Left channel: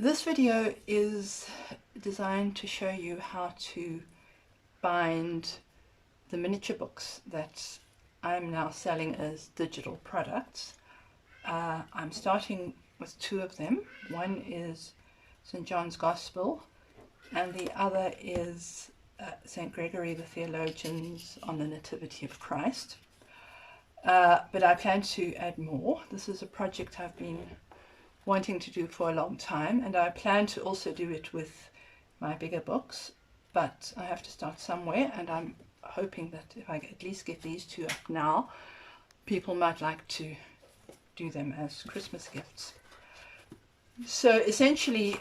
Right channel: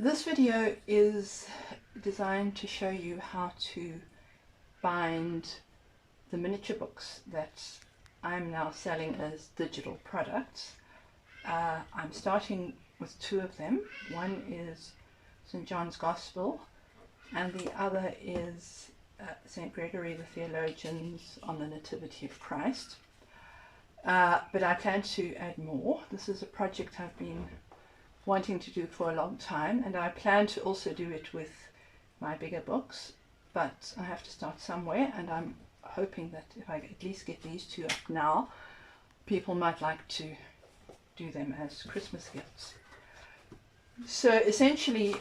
This video is designed to show you how to bind the miniature books that I'm now selling as digital products. I'm starting with two of them. One is St. John's Gospel and the other is St. Gregory the Theologian's on the Nativity of Christ. But I plan to add more. This is a project I've been wanting to do for a long time, and I plan to also do it with my bigger books, but I have to start somewhere, and I'm hoping that if I at least get these two up now, people might like to do them as Christmas gifts. So essentially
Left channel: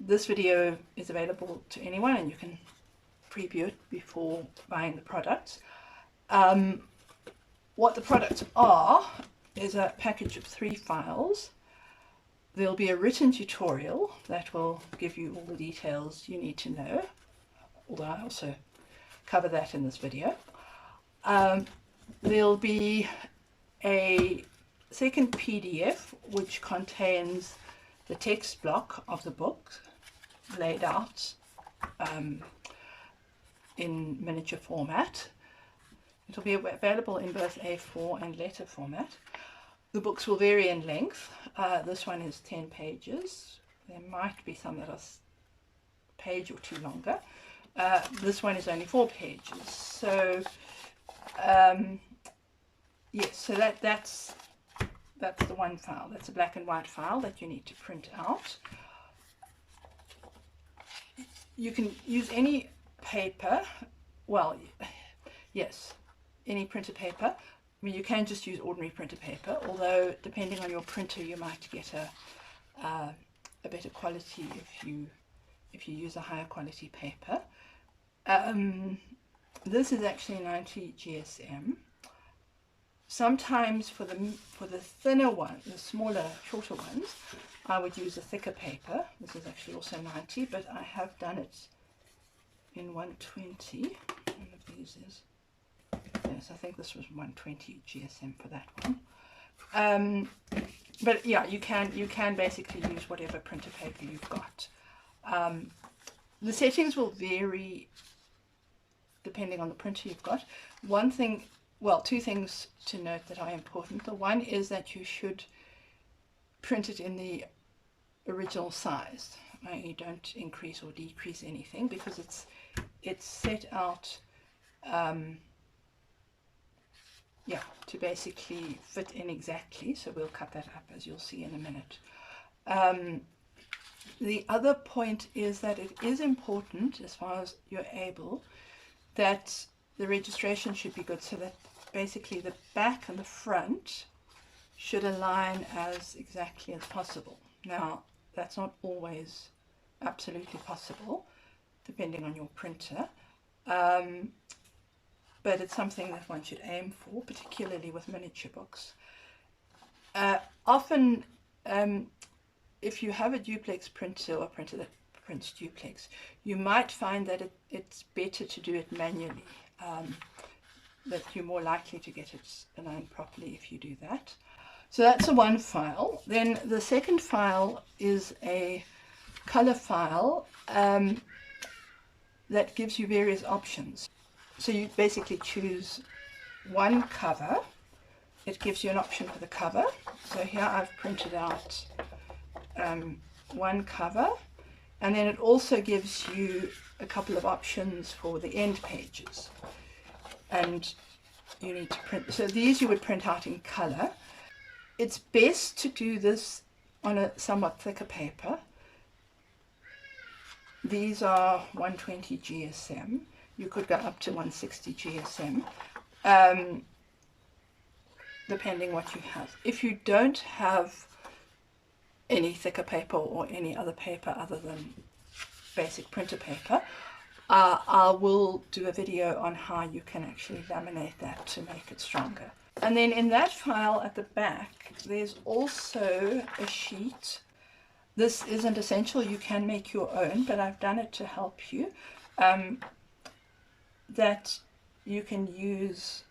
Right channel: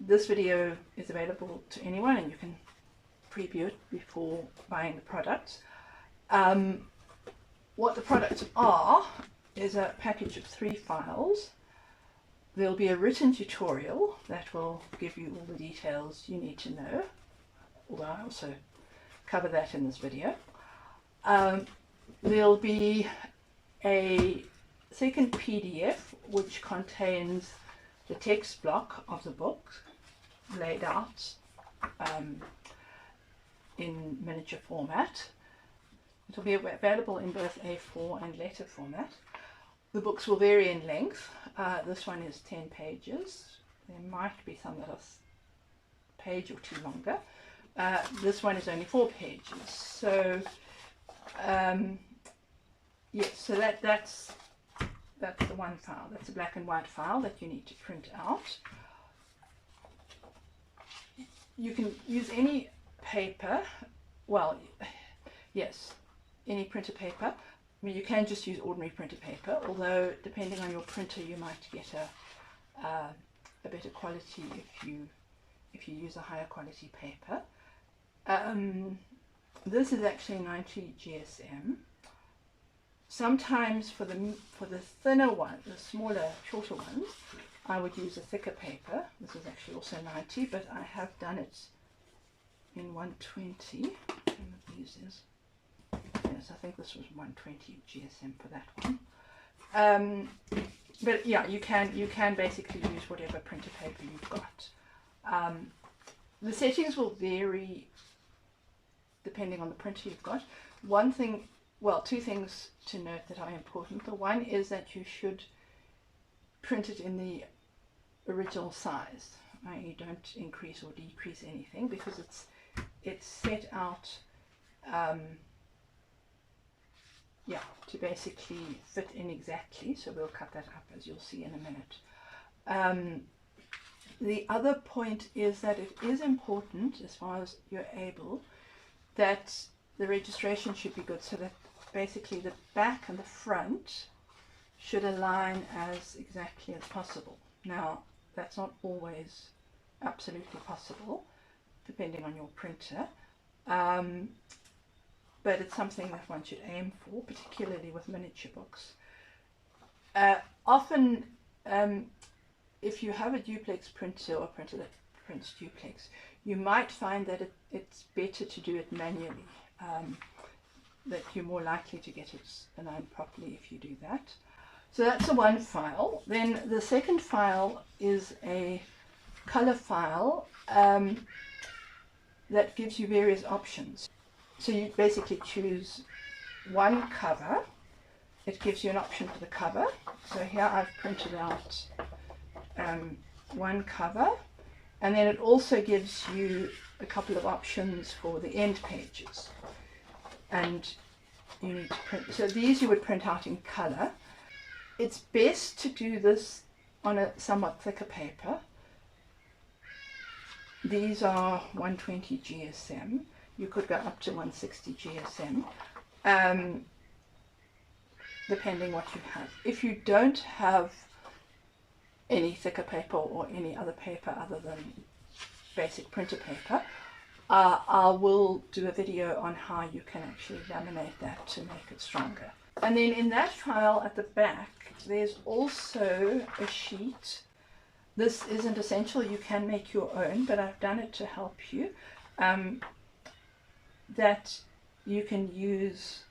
this video is available to anyone and you can preview it before buying the products. What the products are is a package of 3 files. There'll be a written tutorial that will give you all the details you need to know, although I also cover that in this video. There'll be a second PDF which contains the text block of the book laid out in miniature format. It'll be available in both A4 and letter format. The books will vary in length. This one is 10 pages. There might be some that are a page or two longer. This one is only 4 pages. So yes, so that's the one file. That's a black and white file that you need to print out. You can use any paper. Well, yes, any printer paper. I mean, you can just use ordinary printer paper, although depending on your printer you might get a better quality if you use a higher quality paper. This is actually 90 GSM. Sometimes for the thinner one, the smaller, shorter ones, I would use a thicker paper. This is actually also 90, but I have done it in 120. One of these is. Yes, I think this was 120 GSM for that one. But yeah, you can basically use whatever printer paper you've got. The settings will vary depending on the printer you've got. One thing, well, 2 things to note that are important. The one is that you should print it in the original size. You don't increase or decrease anything because it's set out yeah, to basically fit in exactly. So we'll cut that up as you'll see in a minute. The other point is that it is important, as far as you're able, that the registration should be good, so that basically the back and the front should align as exactly as possible. Now, that's not always absolutely possible, depending on your printer. But it's something that one should aim for, particularly with miniature books. Often, if you have a duplex printer or a printer that prints duplex, you might find that it's better to do it manually, that you're more likely to get it aligned properly if you do that. So that's the one file. Then the second file is a color file that gives you various options. So you basically choose one cover. It gives you an option for the cover. So here I've printed out one cover, and then it also gives you a couple of options for the end pages. And you need to print, so these you would print out in color. It's best to do this on a somewhat thicker paper. These are 120 GSM. You could go up to 160 GSM, depending what you have. If you don't have any thicker paper or any other paper other than basic printer paper, I will do a video on how you can actually laminate that to make it stronger. And then in that file at the back, there's also a sheet. This isn't essential, you can make your own, but I've done it to help you. That you can use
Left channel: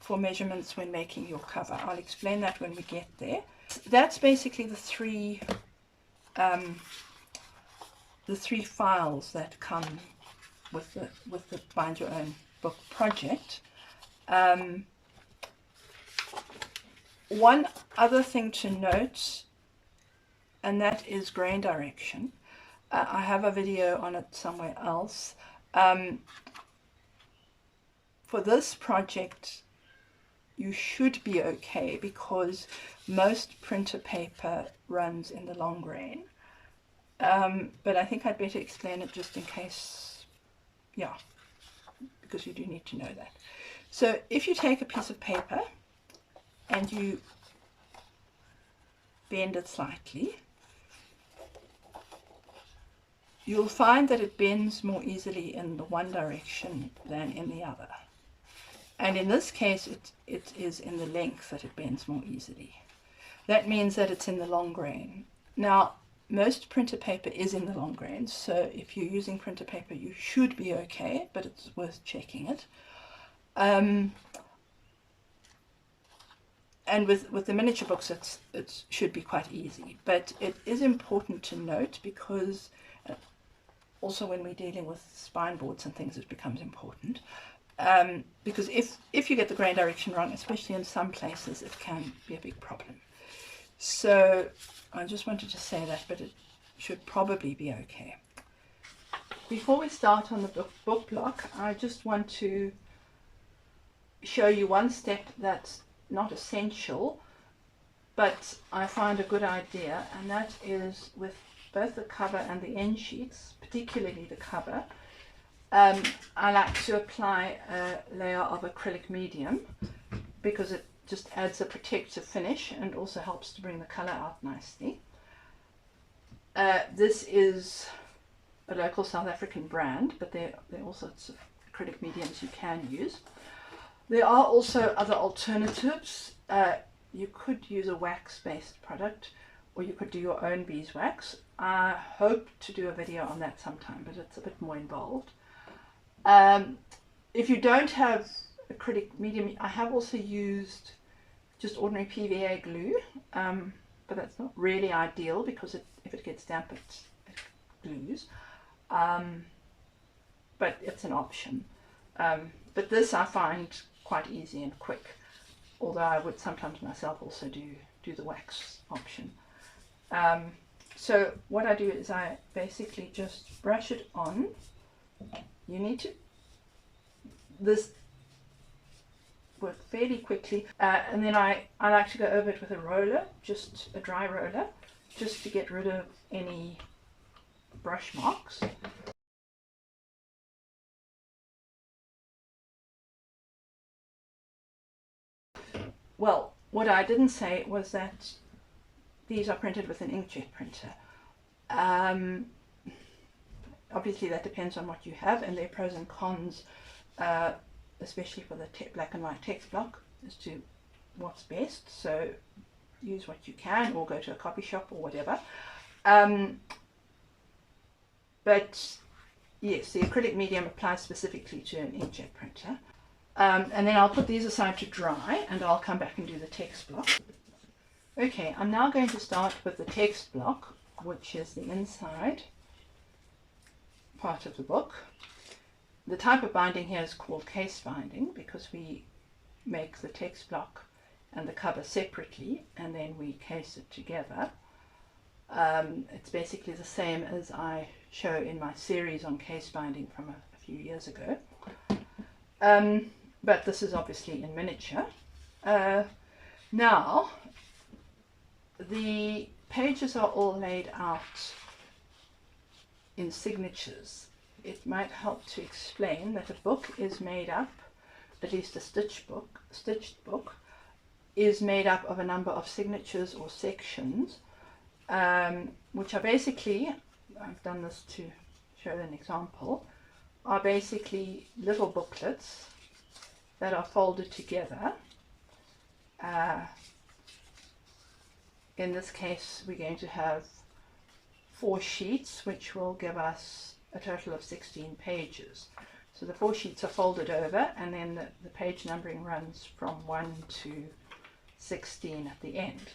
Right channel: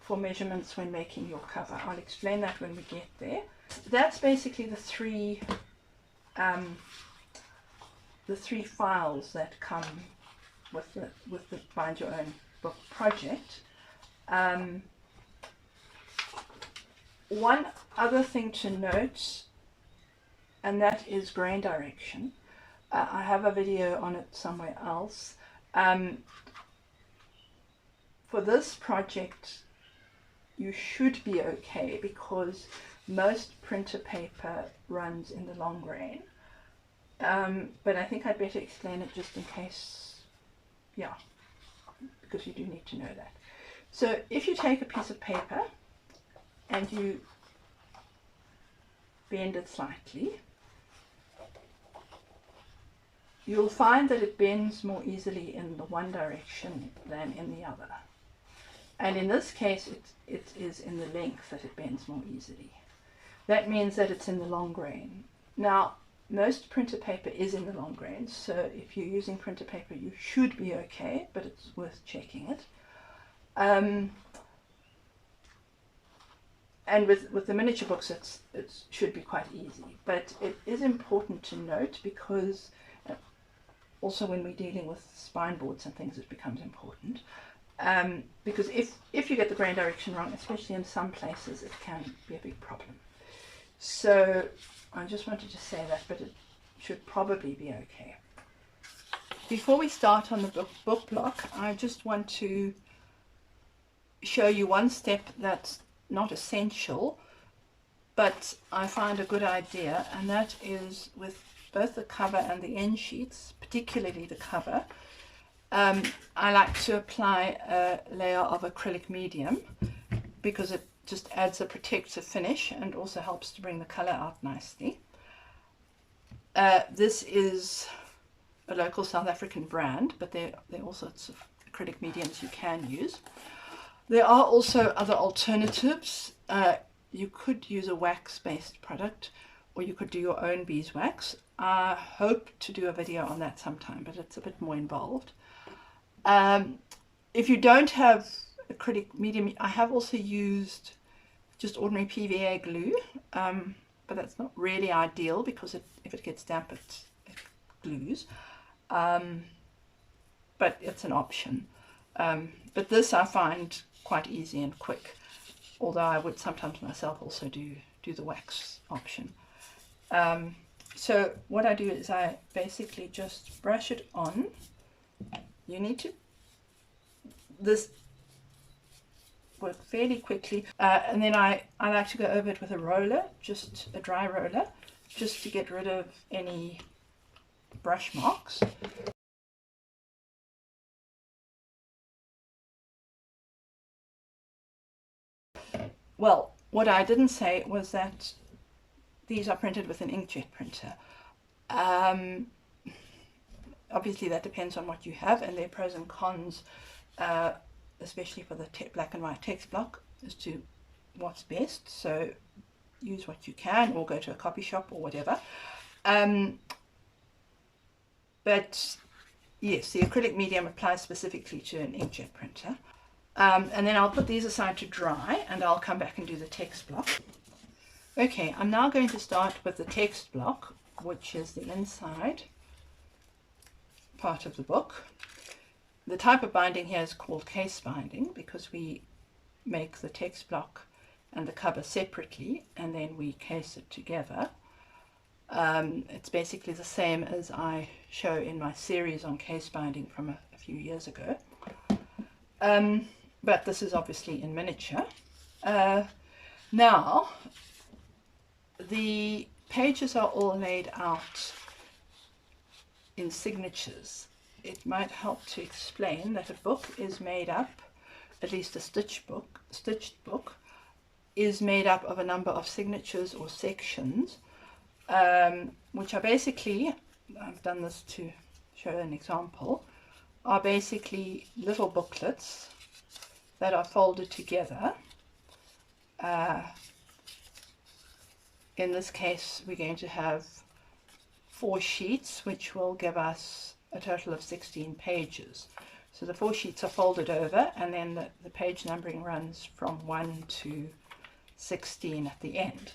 for measurements when making your cover. I'll explain that when we get there. That's basically the 3 the 3 files that come with the Bind Your Own Book project. One other thing to note, and that is grain direction. I have a video on it somewhere else. For this project, you should be okay because most printer paper runs in the long grain. But I think I'd better explain it just in case, yeah, because you do need to know that. So if you take a piece of paper and you bend it slightly, you'll find that it bends more easily in the one direction than in the other. And in this case, it is in the length that it bends more easily. That means that it's in the long grain. Now, most printer paper is in the long grain, so if you're using printer paper, you should be okay, but it's worth checking it. And with the miniature books, it should be quite easy. But it is important to note because also when we're dealing with spine boards and things, it becomes important. Because if you get the grain direction wrong, especially in some places, it can be a big problem. So I just wanted to say that, but it should probably be okay. Before we start on the book block, I just want to show you one step that's not essential, but I find a good idea, and that is with both the cover and the end sheets, particularly the cover. I like to apply a layer of acrylic medium because it just adds a protective finish and also helps to bring the color out nicely. This is a local South African brand, but there are all sorts of acrylic mediums you can use. There are also other alternatives. You could use a wax-based product, or you could do your own beeswax. I hope to do a video on that sometime, but it's a bit more involved. If you don't have acrylic medium, I have also used just ordinary PVA glue, but that's not really ideal because if it gets damp, it glues. But it's an option. But this I find quite easy and quick, although I would sometimes myself also do the wax option. So what I do is I basically just brush it on. You need to this work fairly quickly, and then I like to go over it with a roller, just a dry roller, just to get rid of any brush marks. Well, what I didn't say was that these are printed with an inkjet printer. Obviously that depends on what you have, and there are pros and cons, especially for the black and white text block, as to what's best. So use what you can, or go to a copy shop or whatever. But yes, the acrylic medium applies specifically to an inkjet printer. And then I'll put these aside to dry, and I'll come back and do the text block. Okay, I'm now going to start with the text block, which is the inside part of the book. The type of binding here is called case binding because we make the text block and the cover separately and then we case it together. It's basically the same as I show in my series on case binding from a few years ago. But this is obviously in miniature. Now, the pages are all laid out in signatures. It might help to explain that a book is made up, at least a stitched book, is made up of a number of signatures or sections, which are basically, I've done this to show an example, are basically little booklets that are folded together. In this case, we're going to have 4 sheets, which will give us a total of 16 pages. So the 4 sheets are folded over, and then the page numbering runs from 1 to 16 at the end.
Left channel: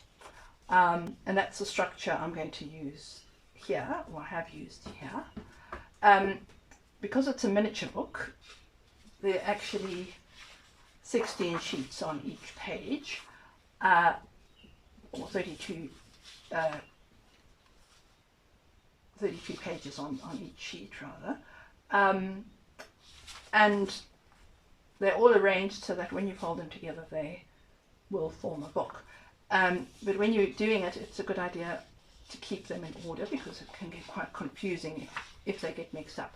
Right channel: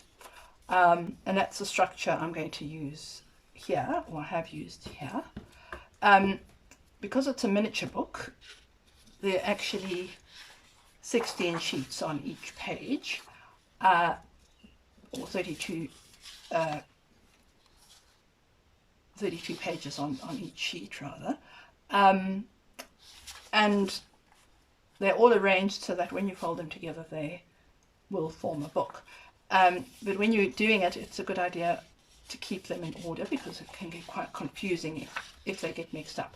And that's the structure I'm going to use here, or I have used here, because it's a miniature book, there are actually 16 sheets on each page, or 32 pages on each sheet rather, and they're all arranged so that when you fold them together they will form a book. But when you're doing it, it's a good idea to keep them in order because it can get quite confusing if they get mixed up.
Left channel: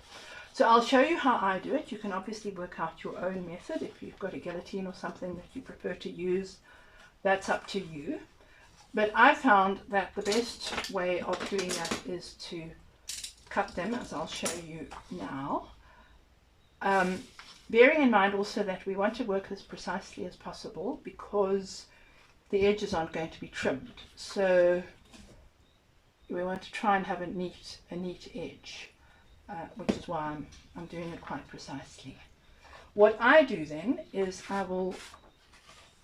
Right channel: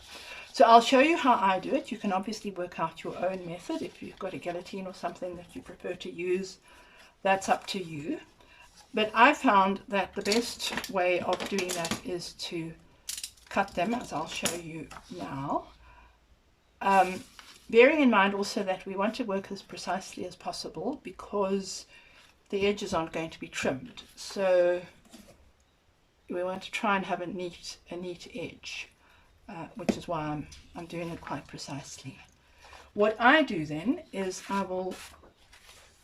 So I'll show you how I do it. You can obviously work out your own method. If you've got a guillotine or something that you prefer to use, that's up to you. But I found that the best way of doing that is to cut them, as I'll show you now. Bearing in mind also that we want to work as precisely as possible because the edges aren't going to be trimmed. So we want to try and have a neat edge, which is why I'm doing it quite precisely. What I do then is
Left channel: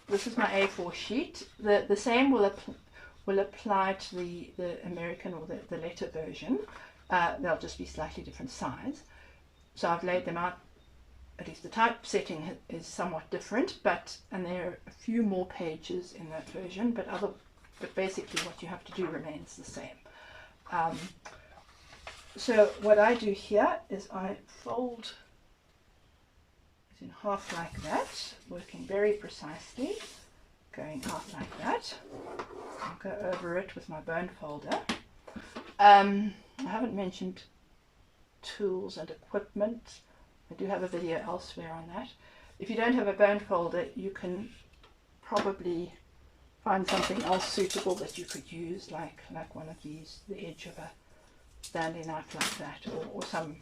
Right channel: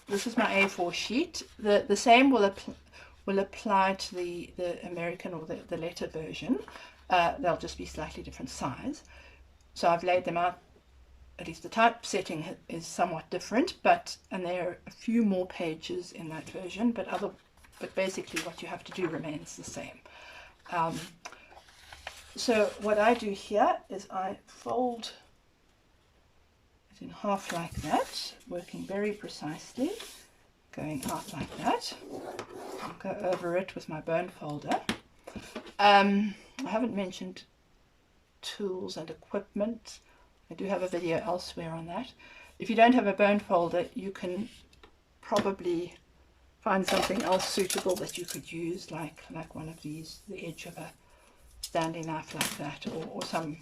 this is my A4 sheet. The same will apply to the American or the letter version. They'll just be slightly different size. So I've laid them out. At least the typesetting is somewhat different, and there are a few more pages in that version, but basically what you have to do remains the same. So what I do here is I fold it in half like that, working very precisely, going out like that. I'll go over it with my bone folder. I haven't mentioned tools and equipment. I do have a video elsewhere on that. If you don't have a bone folder, you can probably find something else suitable that you could use, like one of these, the edge of a Stanley knife like that, or some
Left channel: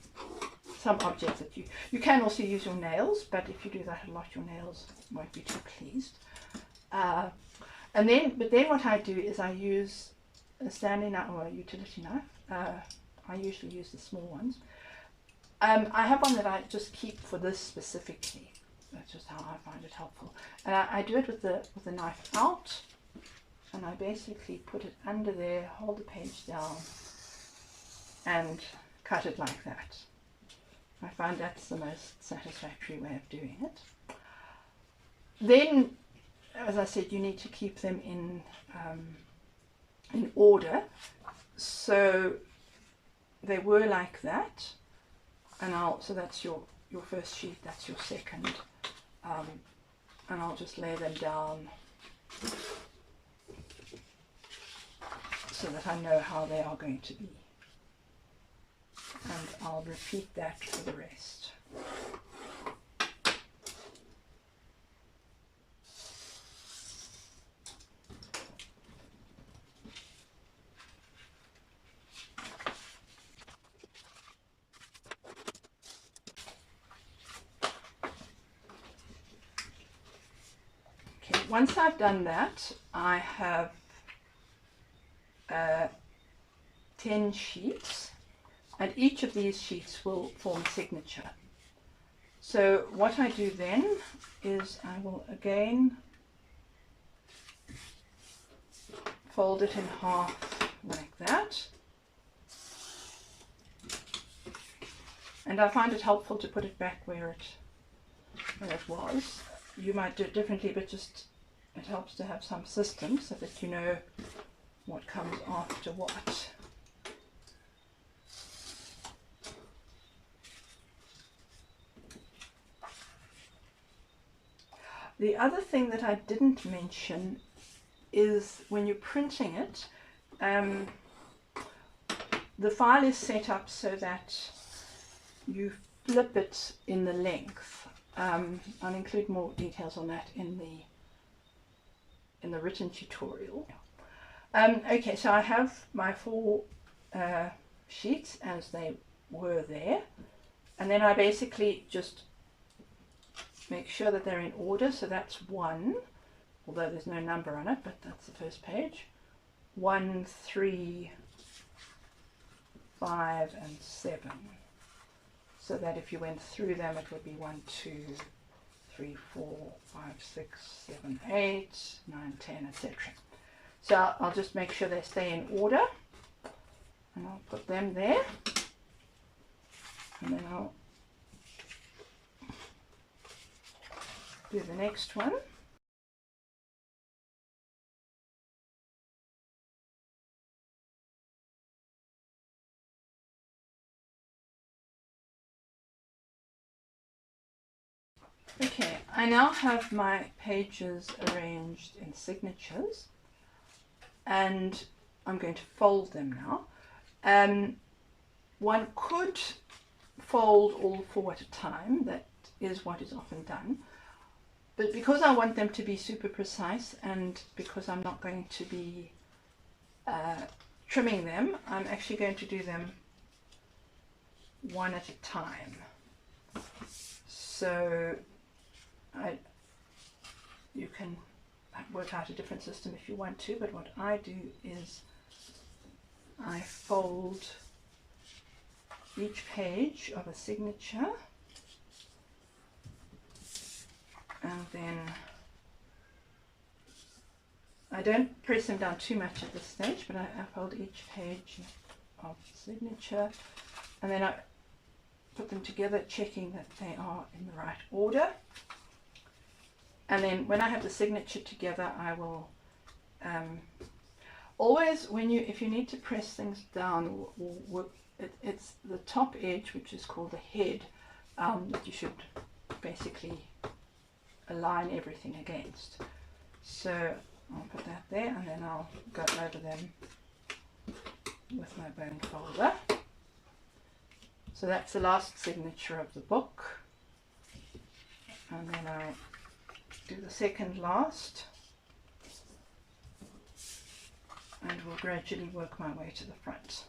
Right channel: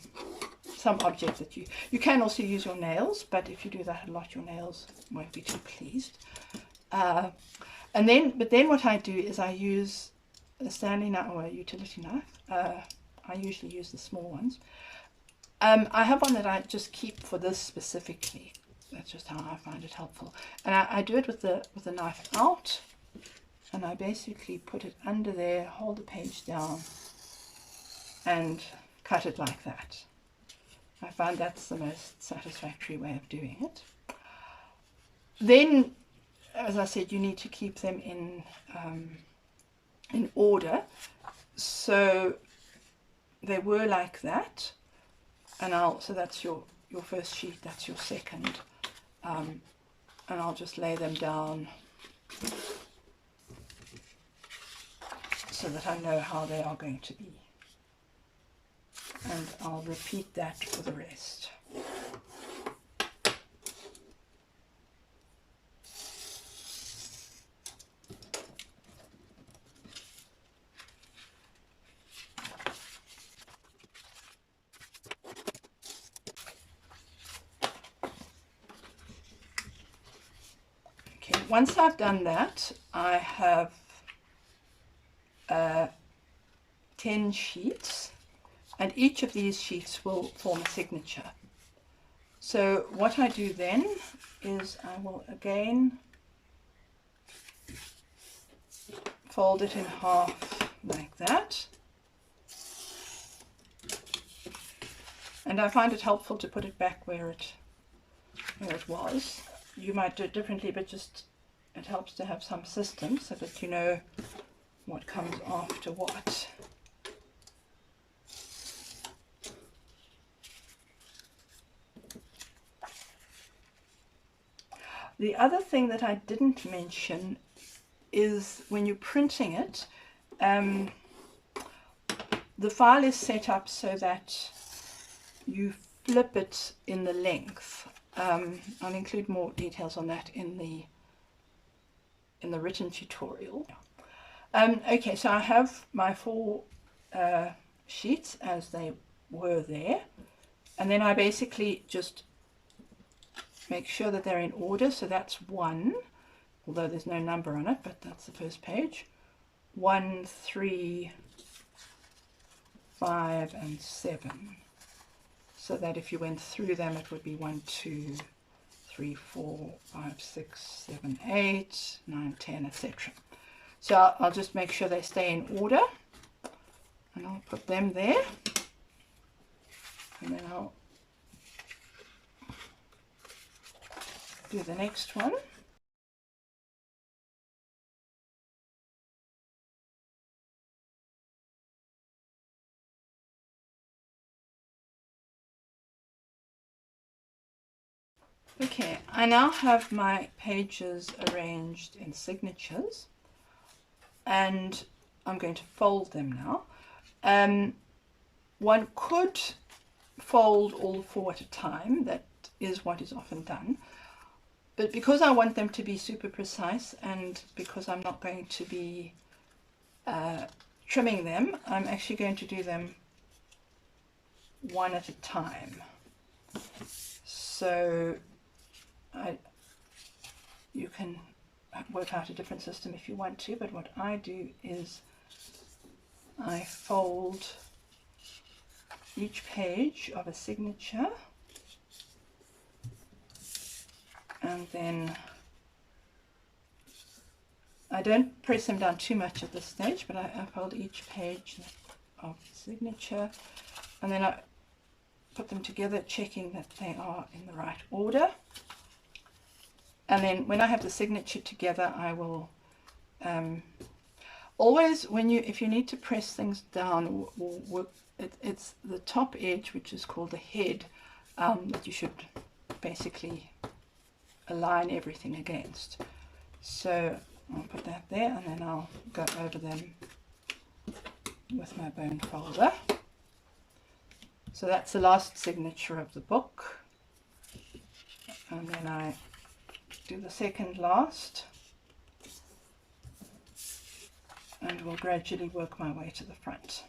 object that you can also use your nails, but if you do that a lot, your nails won't be too pleased. But then what I do is I use a Stanley knife or a utility knife. I usually use the small ones. I have one that I just keep for this specifically. That's just how I find it helpful. And I do it with the knife out, and I basically put it under there, hold the page down, and cut it like that. I find that's the most satisfactory way of doing it. Then, as I said, you need to keep them in order. So they were like that, and so that's your first sheet, that's your second, and I'll just lay them down so that I know how they are going to be, and I'll repeat that for the rest. Once I've done that, I have 10 sheets, and each of these sheets will form a signature. So what I do then is I will again fold it in half like that, and I find it helpful to put it back where it was. You might do it differently, but just it helps to have some system so that you know what comes after what. The other thing that I didn't mention is when you're printing it, the file is set up so that you flip it in the length. I'll include more details on that in the written tutorial. Okay, so I have my 4 sheets as they were there, and then I basically just make sure that they're in order. So that's 1, although there's no number on it, but that's the first page. 1, 3, 5, and 7. So that if you went through them, it would be 1, 2, 3, 4, 5, 6, 7, 8, 9, 10, etc. So I'll just make sure they stay in order, and I'll I'll put them there, and then I'll do the next one. Okay, I now have my pages arranged in signatures, and I'm going to fold them now. One could fold all 4 at a time. That is what is often done. But because I want them to be super precise, and because I'm not going to be trimming them, I'm actually going to do them one at a time. So you can work out a different system if you want to, but what I do is I fold each page of a signature, and then I don't press them down too much at this stage, but I fold each page of signature, and then I put them together, checking that they are in the right order. And then when I have the signature together, I will always, if you need to press things down, it's the top edge, which is called the head, that you should basically align everything against. So I'll put that there, and then I'll go over them with my bone folder. So that's the last signature of the book, and then I do the second last, and will gradually work my way to the front.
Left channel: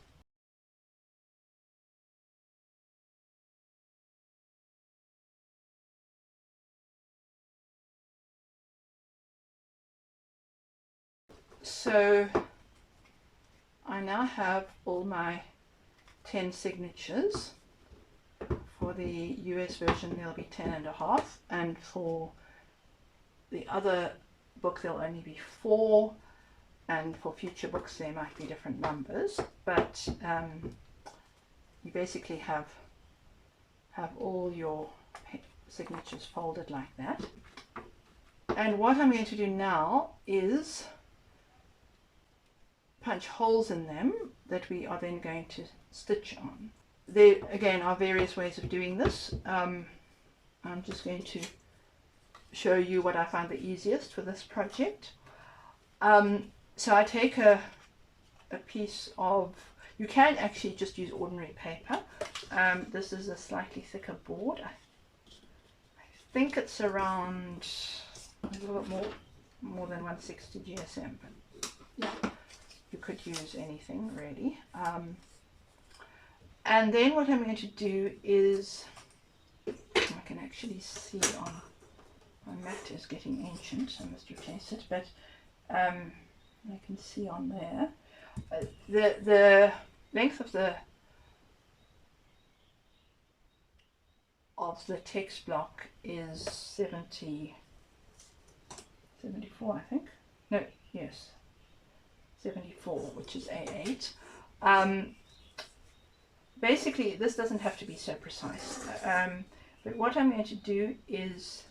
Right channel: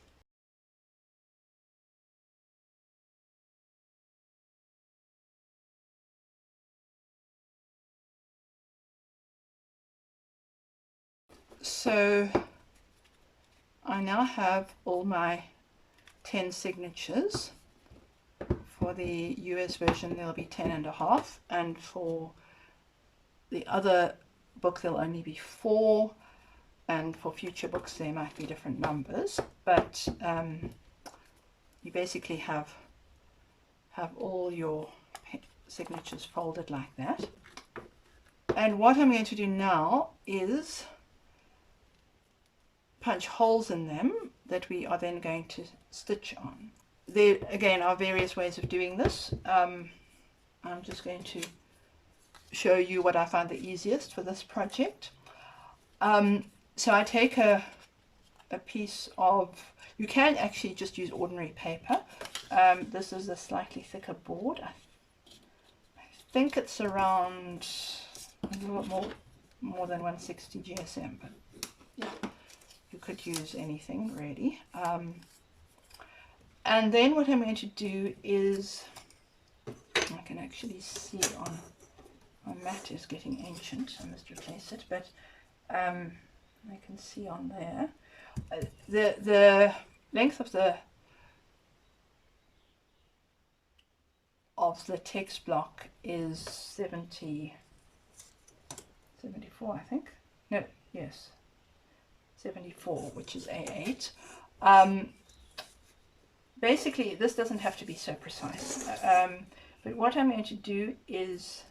So I now have all my 10 signatures. For the US version there'll be 10.5, and for the other book there'll only be 4, and for future books there might be different numbers, but you basically have all your signatures folded like that. And what I'm going to do now is punch holes in them that we are then going to stitch on. There again are various ways of doing this. I'm just going to show you what I find the easiest for this project. So I take a piece of, you can actually just use ordinary paper. This is a slightly thicker board. I think it's around a little bit more than 160 GSM, but yeah, you could use anything really. And then what I'm going to do is, I can actually see on my mat is getting ancient, so I must replace it, but I can see on there the length of the text block is 74, I think. No, yes, 74, which is A8. Basically, this doesn't have to be so precise, but what I'm going to do is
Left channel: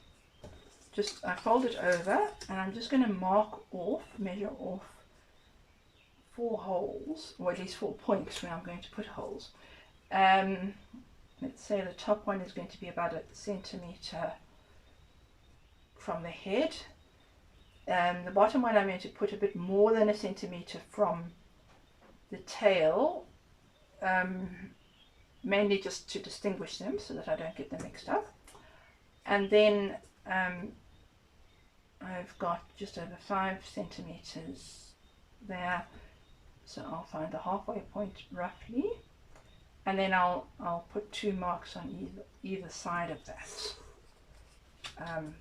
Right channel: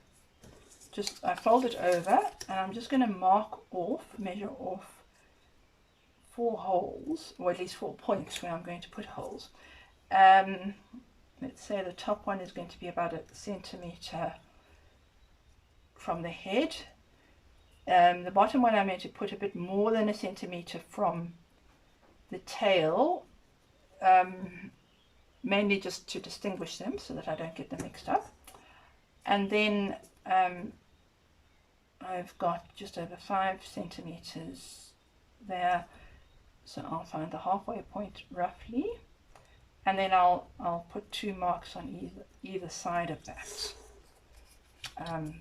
I fold it over, and I'm just going to measure off 4 holes, or at least 4 points where I'm going to put holes. Let's say the top one is going to be about 1 centimeter from the head. The bottom one I'm going to put a bit more than 1 centimeter from the tail, mainly just to distinguish them so that I don't get them mixed up. And then I've got just over 5 centimeters there, so I'll find the halfway point roughly, and then I'll put 2 marks on either side of that.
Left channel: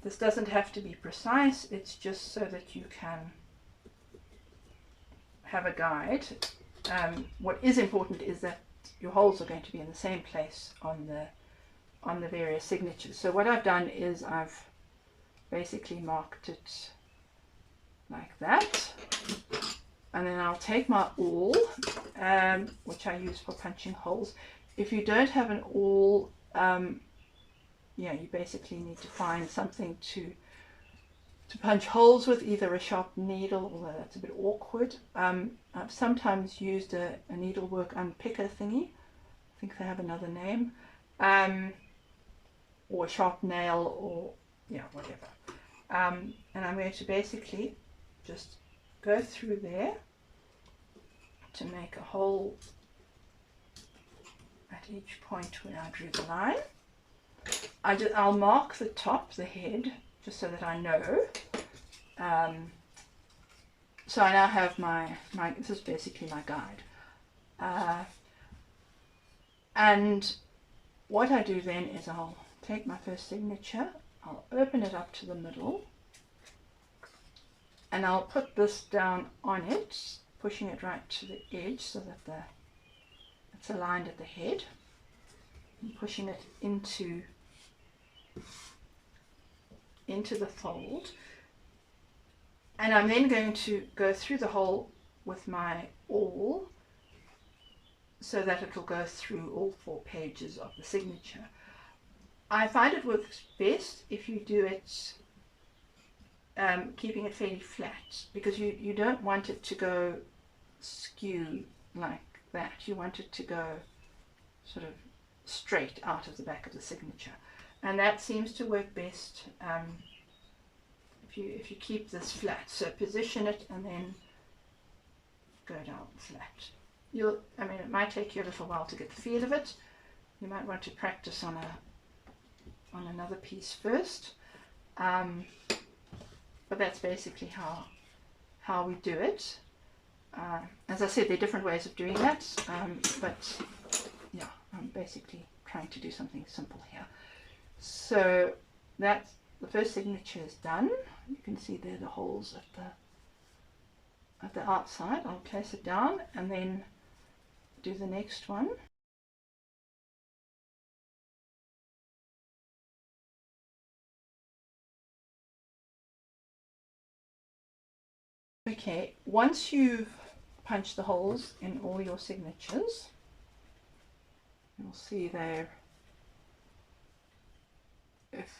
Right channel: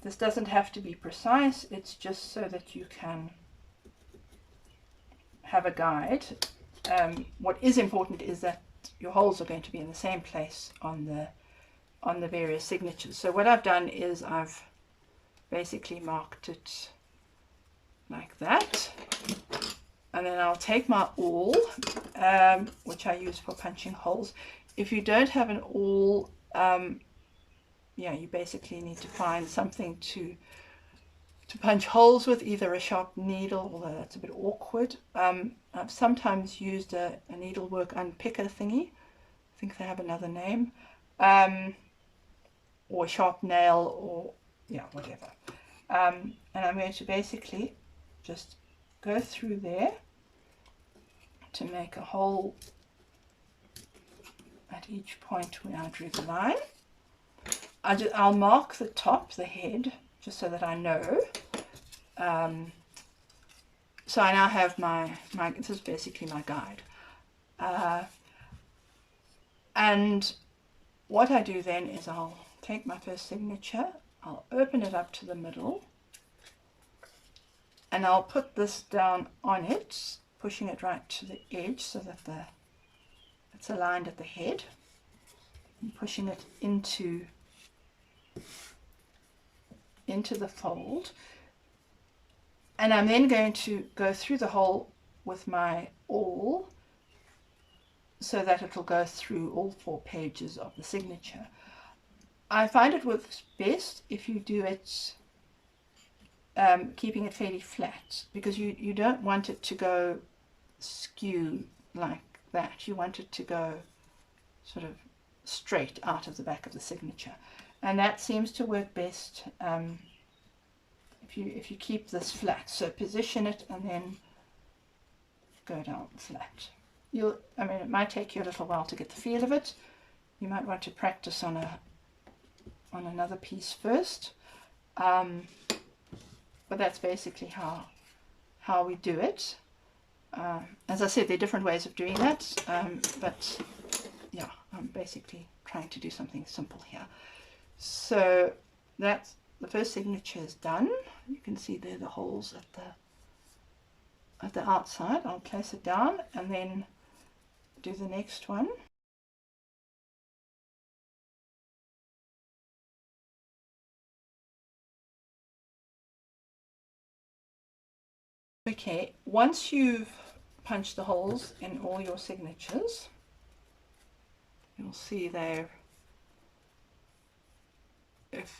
This doesn't have to be precise, it's just so that you can have a guide. What is important is that your holes are going to be in the same place on the various signatures. So what I've done is I've basically marked it like that, And then I'll take my awl, which I use for punching holes. If you don't have an awl, yeah, you basically need to find something to punch holes with, either a sharp needle, although that's a bit awkward. I've sometimes used a needlework unpicker thingy. I think they have another name. Or a sharp nail, or yeah, whatever. And I'm going to basically just go through there to make a hole at each point where I drew the line. I'll mark the top, the head, just so that I know. So I now have my this is basically my guide. And what I do then is I'll take my first signature, I'll open it up to the middle, and I'll put this down on it, pushing it right to the edge so that it's aligned at the head, and pushing it into the fold. And I'm then going to go through the hole with my awl so that it will go through all 4 pages of the signature. I find it works best if you do it keeping it fairly flat, because you don't want it to go skew like that. You want it to go sort of straight out of the back of the signature, and that seems to work best if you keep this flat. So position it and then go down flat. I mean, it might take you a little while to get the feel of it. You might want to practice on another piece first, but that's basically how we do it. As I said, there are different ways of doing that, but yeah, I'm basically trying to do something simple here. So that's the first signature is done. You can see there the holes at the outside. I'll place it down and then do the next one. Okay, once you've punched the holes in all your signatures, you'll see there,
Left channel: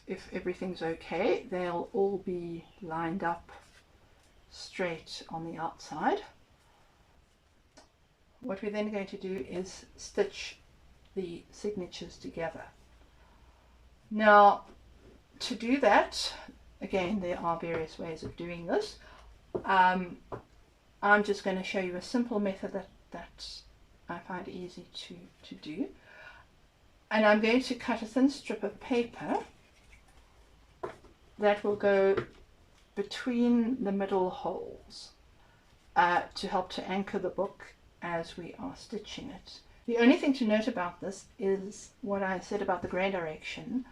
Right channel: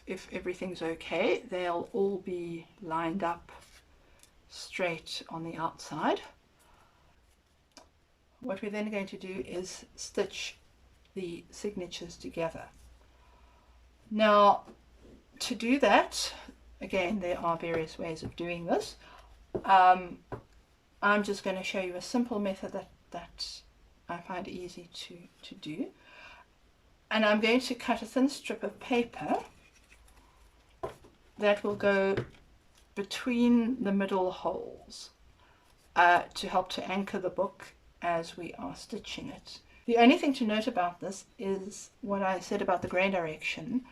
if everything's okay, they'll all be lined up straight on the outside. What we're then going to do is stitch the signatures together. Now, to do that, again, there are various ways of doing this. I'm just going to show you a simple method that I find easy to do. And I'm going to cut a thin strip of paper that will go between the middle holes to help to anchor the book as we are stitching it. The only thing to note about this is what I said about the grain direction.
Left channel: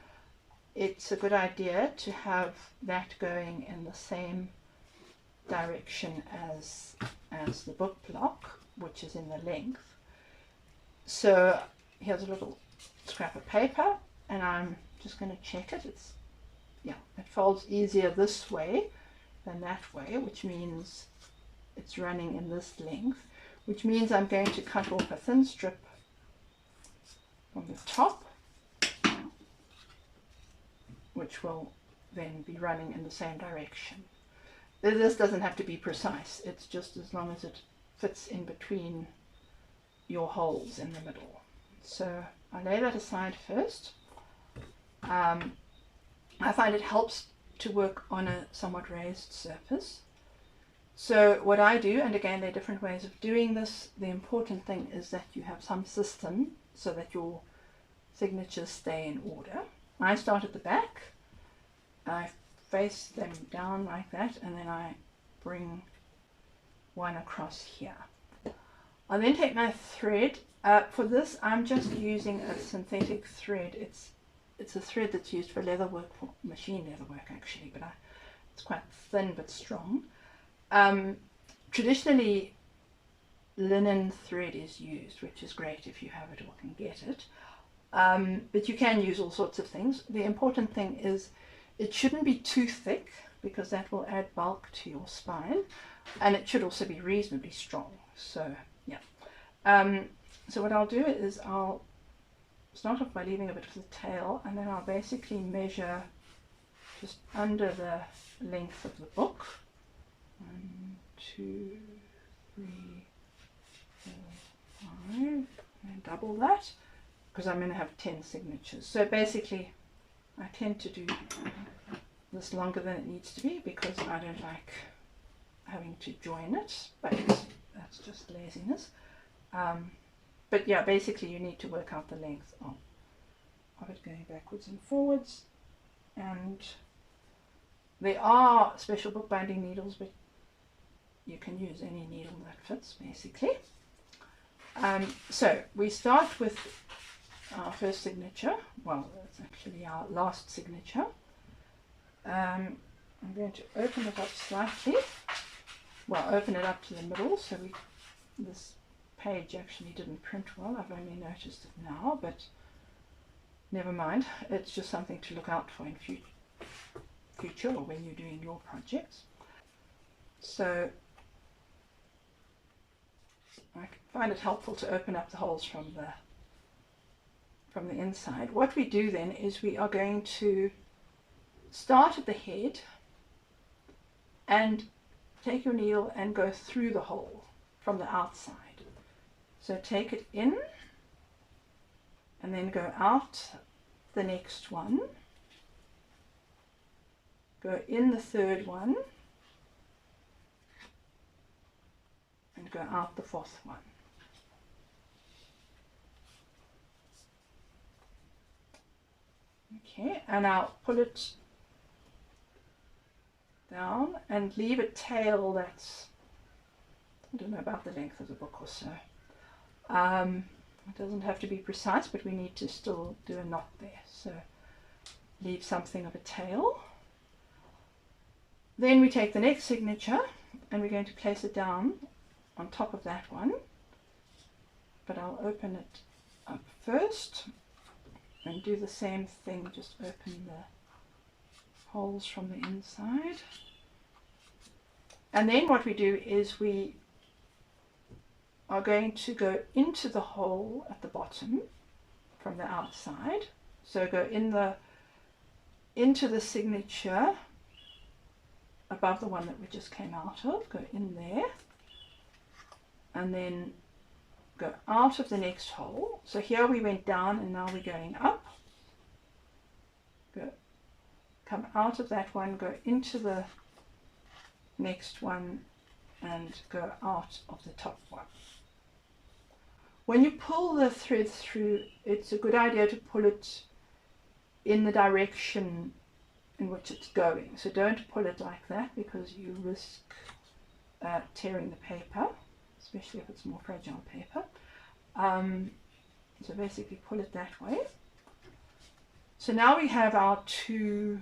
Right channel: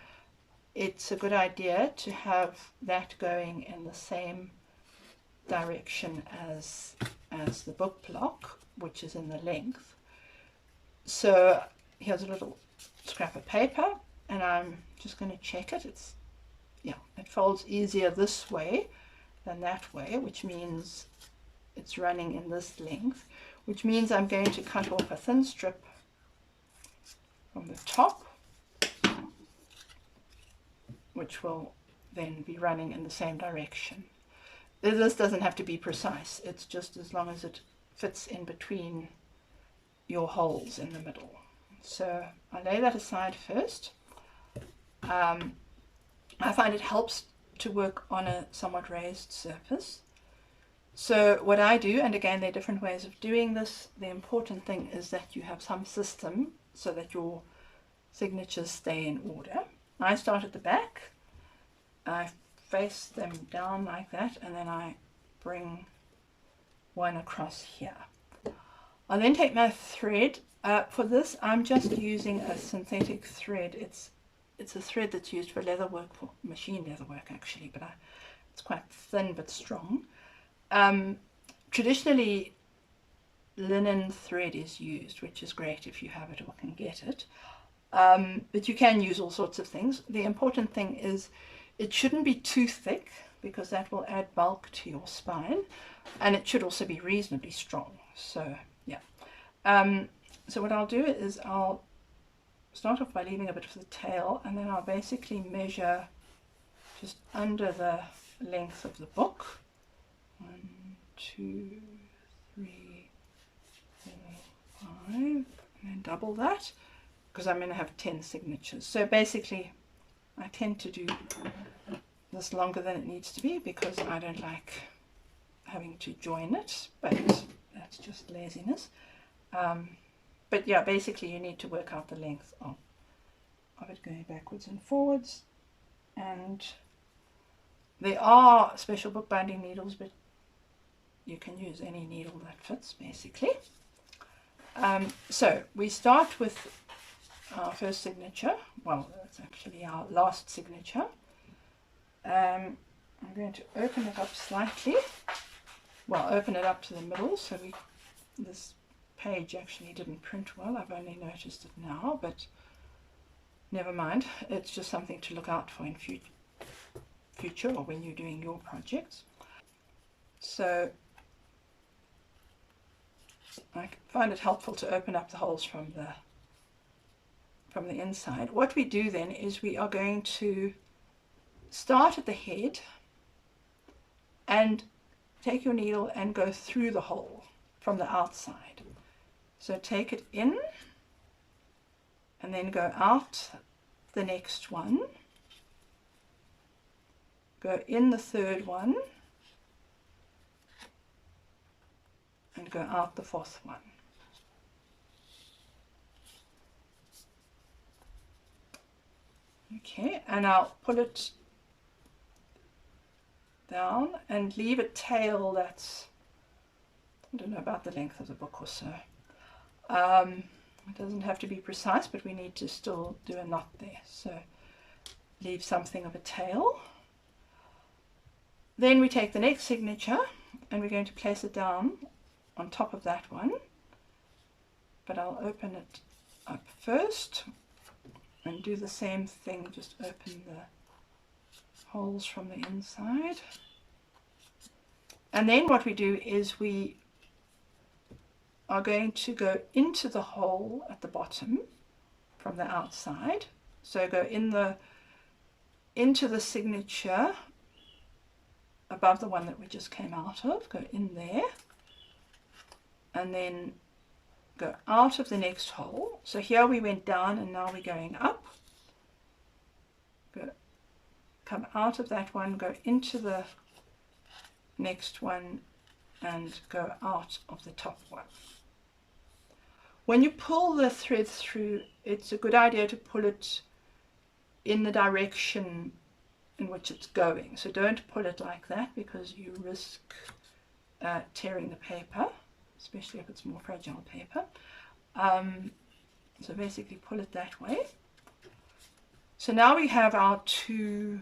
It's a good idea to have that going in the same direction as the book block, which is in the length. So here's a little scrap of paper, and I'm just going to check it. It folds easier this way than that way, which means it's running in this length, which means I'm going to cut off a thin strip from the top, which will then be running in the same direction. This doesn't have to be precise, it's just as long as it fits in between your holes in the middle. So I lay that aside first. I find it helps to work on a somewhat raised surface. So what I do, and again there are different ways of doing this, the important thing is that you have some system so that your signatures stay in order. I start at the back, I face them down like that, and then I bring one across here. I then take my thread. For this I'm just using a synthetic thread. It's a thread that's used for leather work, for machine leather work actually, but it's quite thin but strong. Traditionally linen thread is used, which is great if you have it or can get it, but you can use all sorts of things. The important thing is it shouldn't be too thick, because that will add bulk to your spine, and it should also be reasonably strong. So yeah, so what I'll do is I'll start off by leaving a bit of the tail, and then I'll basically measure just under the length of the book. 1, 2, 3, 4, 5, and then double that, because I'm going to have 10 signatures. So basically I tend to do this longer than it needs to be because I don't like having to join it, but that's just laziness. But yeah, basically you need to work out the length of it going backwards and forwards. And there are special bookbinding needles, but you can use any needle that fits basically. So we start with our first signature. Well, it's actually our last signature. I'm going to open it up slightly. Well, open it up to the middle, so this page actually didn't print well. I've only noticed it now, but never mind. It's just something to look out for in future or when you're doing your projects. So I find it helpful to open up the holes from the inside. What we do then is we are going to start at the head and take your needle and go through the hole from the outside. So take it in and then go out the next one, go in the third one, and go out the fourth one. Okay, and I'll pull it down and leave a tail that's, I don't know, about the length of the book or so. It doesn't have to be precise, but we need to still do a knot there, so leave something of a tail. Then we take the next signature and we're going to place it down on top of that one, but I'll open it up first and do the same thing, just open the holes from the inside. And then what we do is we are going to go into the hole at the bottom from the outside. So go into the signature above the one that we just came out of, go in there, and then go out of the next hole. So here we went down and now we're going up. Come out of that one, go into the next one, and go out of the top one. When you pull the thread through, it's a good idea to pull it in the direction in which it's going. So don't pull it like that because you risk tearing the paper, especially if it's more fragile paper. So basically pull it that way. So now we have our two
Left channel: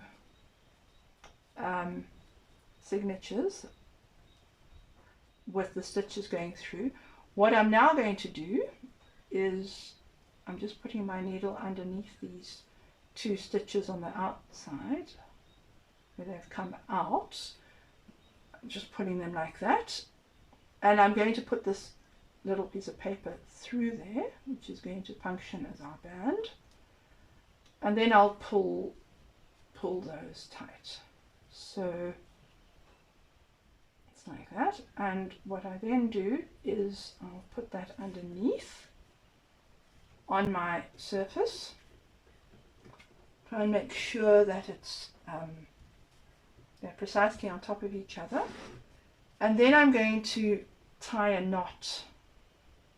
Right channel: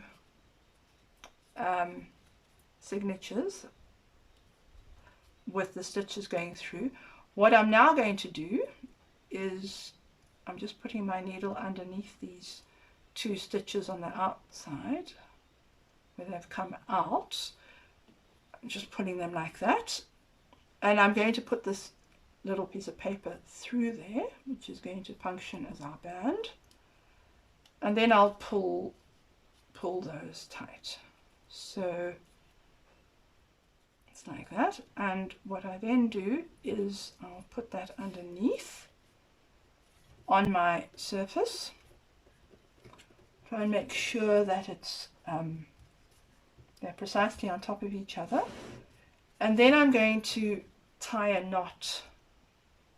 signatures with the stitches going through. What I'm now going to do is I'm just putting my needle underneath these two stitches on the outside where they've come out. I'm just putting them like that, and I'm going to put this little piece of paper through there, which is going to function as our band, and then I'll pull those tight. So it's like that, and what I then do is I'll put that underneath on my surface, try and make sure that it's they're precisely on top of each other, and then I'm going to tie a knot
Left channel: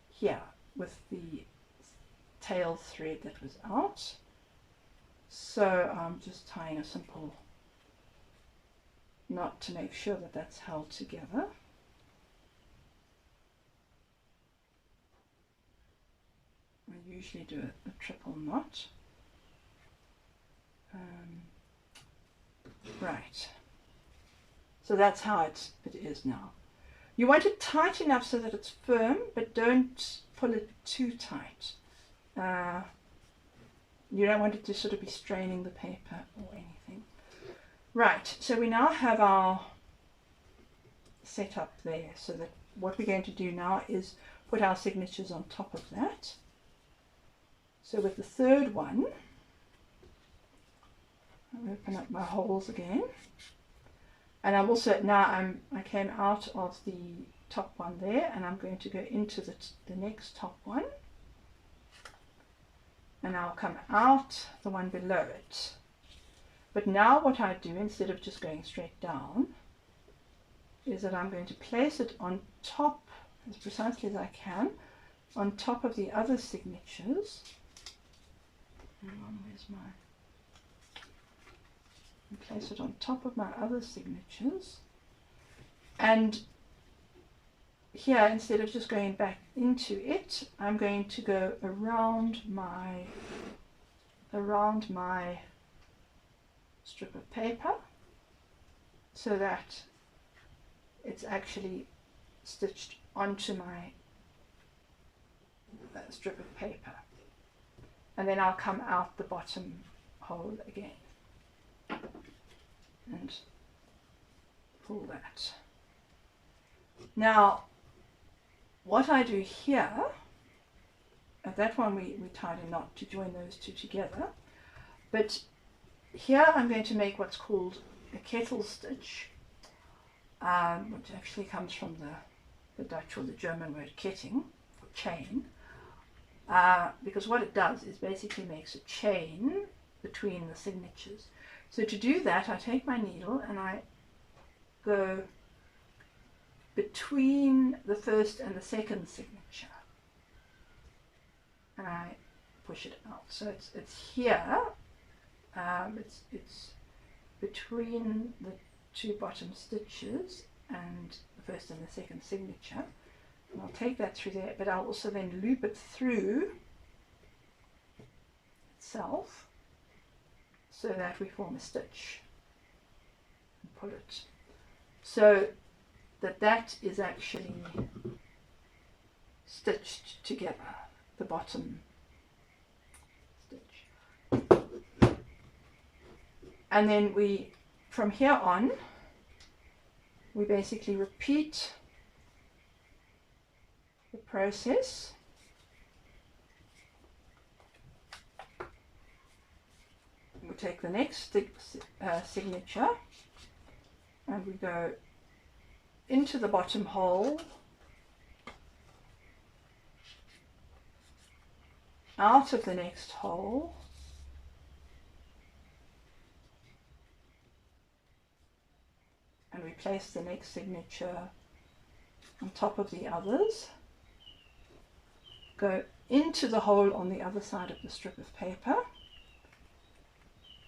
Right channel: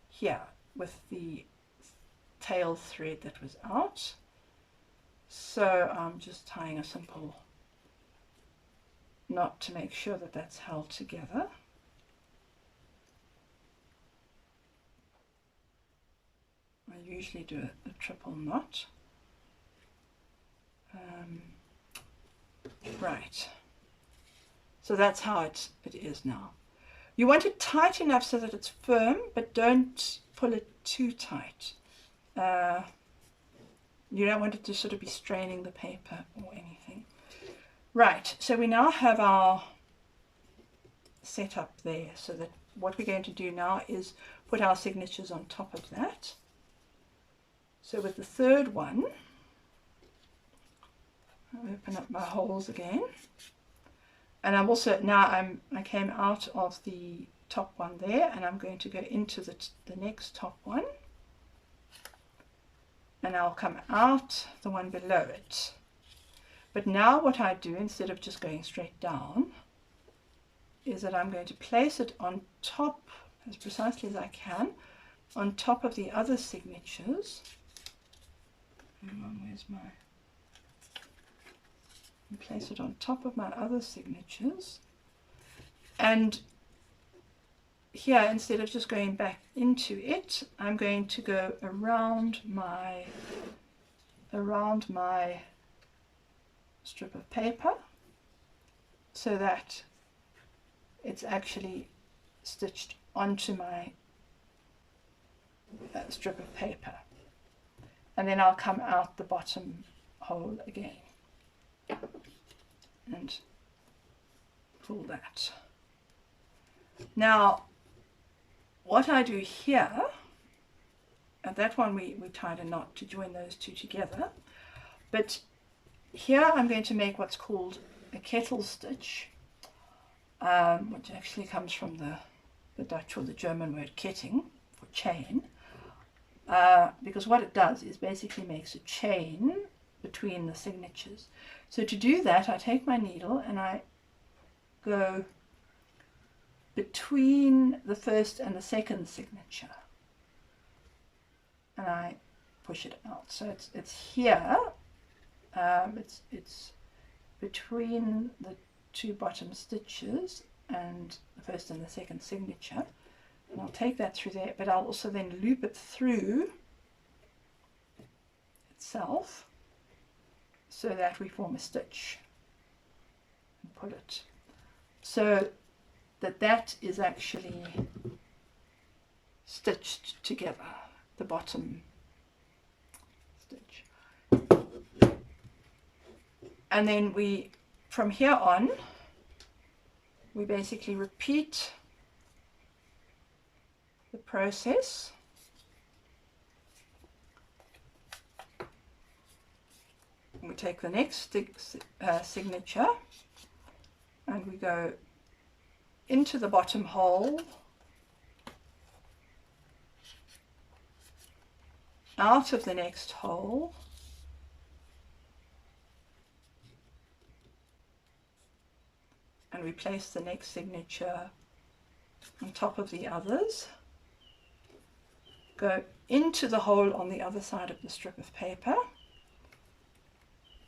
here with the tail thread that was out. So I'm just tying a simple knot to make sure that that's held together. I usually do a triple knot. Right, so that's how it is now. You want it tight enough so that it's firm, but don't pull it too tight. You don't want it to sort of be straining the paper or anything. Right, so we now have our setup there, so that what we're going to do now is put our signatures on top of that. So with the third one, I'll open up my holes again, and I'm also I came out of the top one there, and I'm going to go into the next top one, and I'll come out the one below it. But now what I do, instead of just going straight down, is that I'm going to place it on top, as precisely as I can, on top of the other signatures. Where's my... And place it on top of my other signatures, and here, instead of just going back into it, I'm going to go around my strip of paper, so that it's actually stitched onto my strip of paper, and then I'll come out the bottom hole again and pull that. Now what I do here, at that one we tied a knot to join those two together, but here I'm going to make what's called a kettle stitch, which actually comes from the Dutch or the German word ketting, for chain, because what it does is basically makes a chain between the signatures. So to do that, I take my needle and I go between the first and the second signature, and I push it out. So it's here, it's between the two bottom stitches and the first and the second signature, and I'll take that through there, but I'll also then loop it through itself, so that we form a stitch, and pull it, so that is actually stitched together, the bottom stitch. And then from here on, we basically repeat the process. We take the next signature, and we go into the bottom hole, out of the next hole, and we place the next signature on top of the others, go into the hole on the other side of the strip of paper,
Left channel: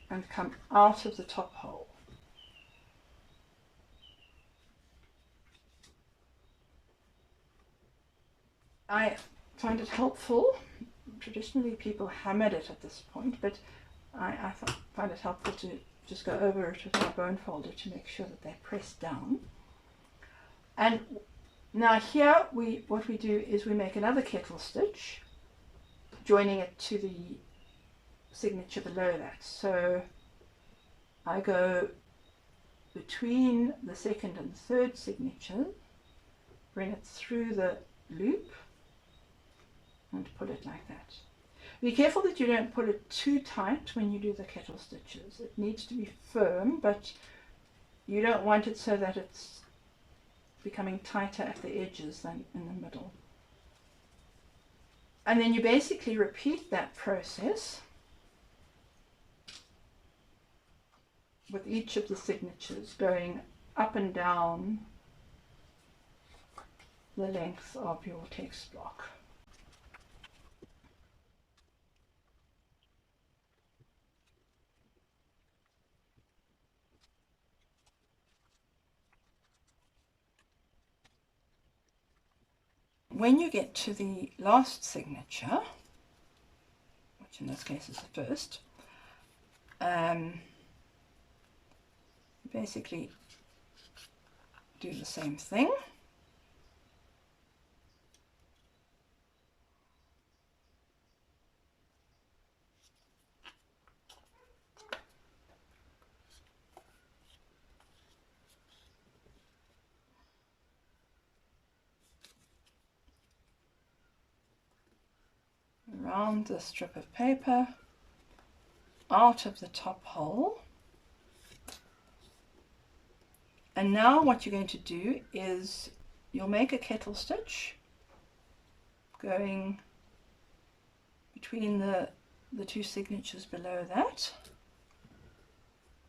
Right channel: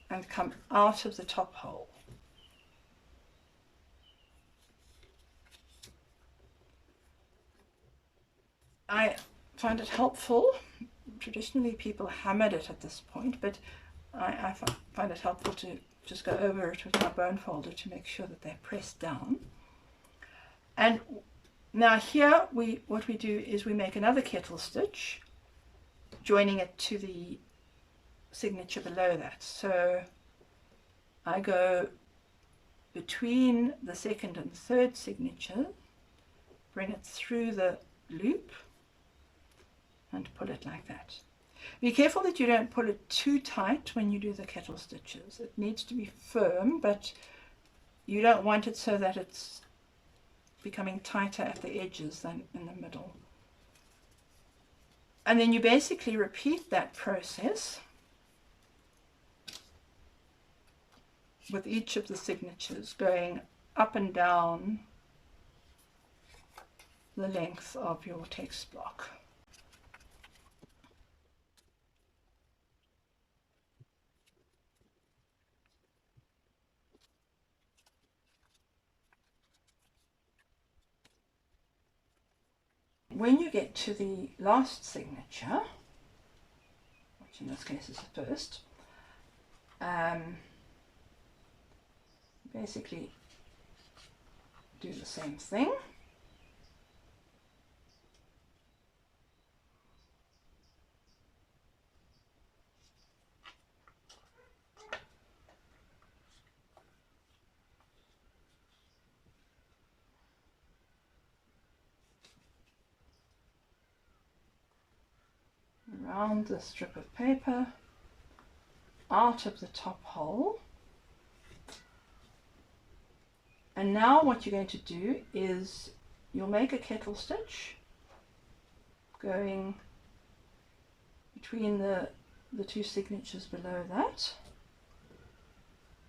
and come out of the top hole. I find it helpful. Traditionally people hammered it at this point, but I find it helpful to just go over it with my bone folder to make sure that they're pressed down. And now here what we do is we make another kettle stitch, joining it to the signature below that. So I go between the second and third signature, bring it through the loop, and pull it like that. Be careful that you don't pull it too tight when you do the kettle stitches. It needs to be firm, but you don't want it so that it's becoming tighter at the edges than in the middle. And then you basically repeat that process with each of the signatures, going up and down the length of your text block. When you get to the last signature, which in this case is the first, basically do the same thing. around the strip of paper, out of the top hole. And now what you're going to do is you'll make a kettle stitch going between the two signatures below that,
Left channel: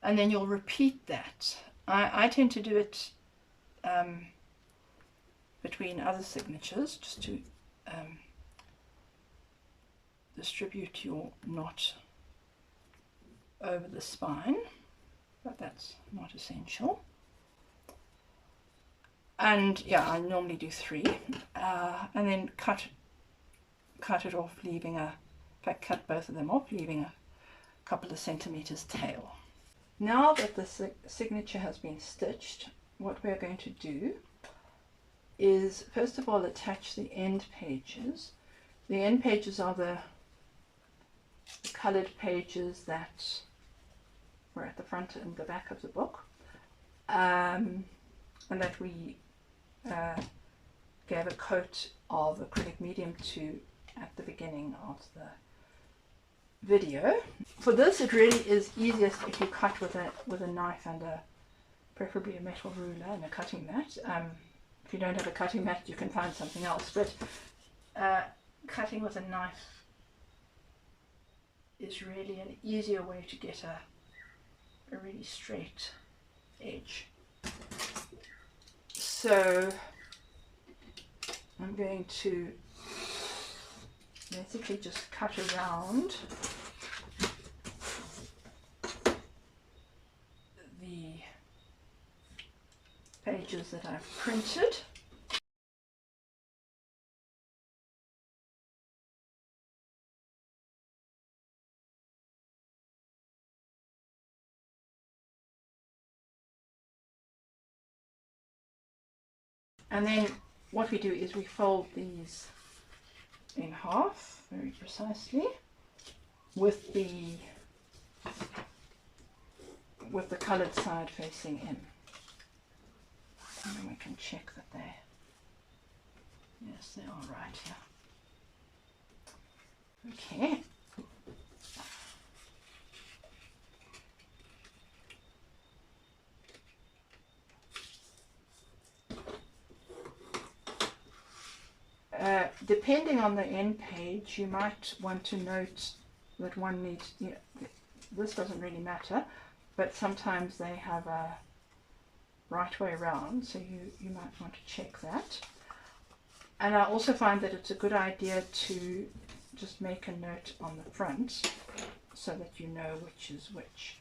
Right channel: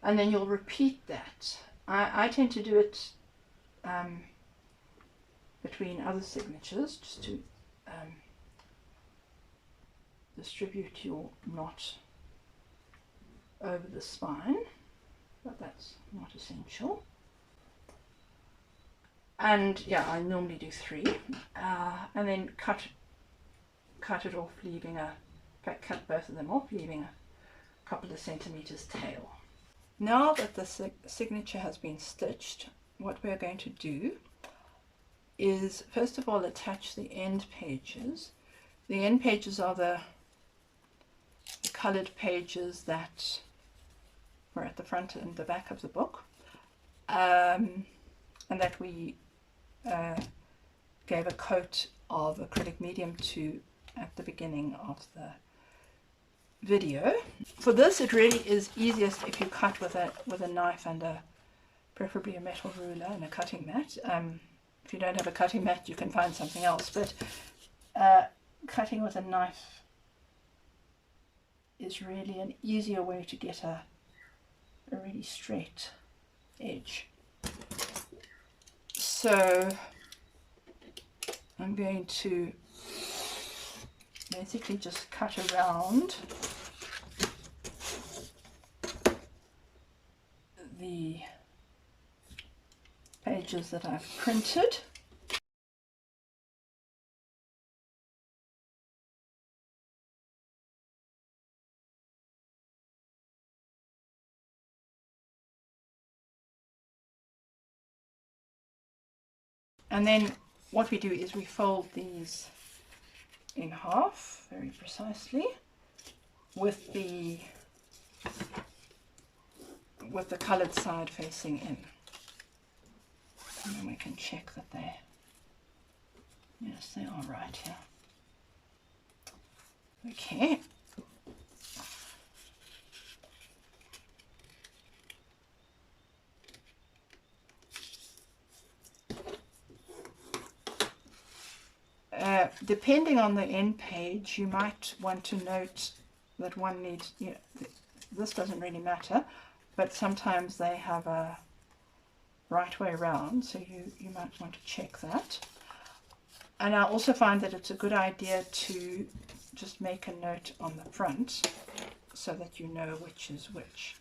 and then you'll repeat that. I tend to do it between other signatures just to distribute your knot over the spine, but that's not essential. And yeah, I normally do 3, and then cut it off, leaving in fact cut both of them off, leaving a couple of centimeters tail. Now that the signature has been stitched, what we're going to do is first of all attach the end pages. The end pages are the colored pages that were at the front and the back of the book, and that we gave a coat of acrylic medium to at the beginning of the video. For this, it really is easiest if you cut with a knife and preferably a metal ruler and a cutting mat. If you don't have a cutting mat, you can find something else, but cutting with a knife is really an easier way to get a really straight edge. So I'm going to basically just cut around the pages that I've printed. And then what we do is we fold these in half very precisely with the colored side facing in. And then we can check that yes, they are right here. Okay. Depending on the end page, you might want to note that one needs, this doesn't really matter, but sometimes they have a right way around, so you might want to check that. And I also find that it's a good idea to just make a note on the front so that you know which is which.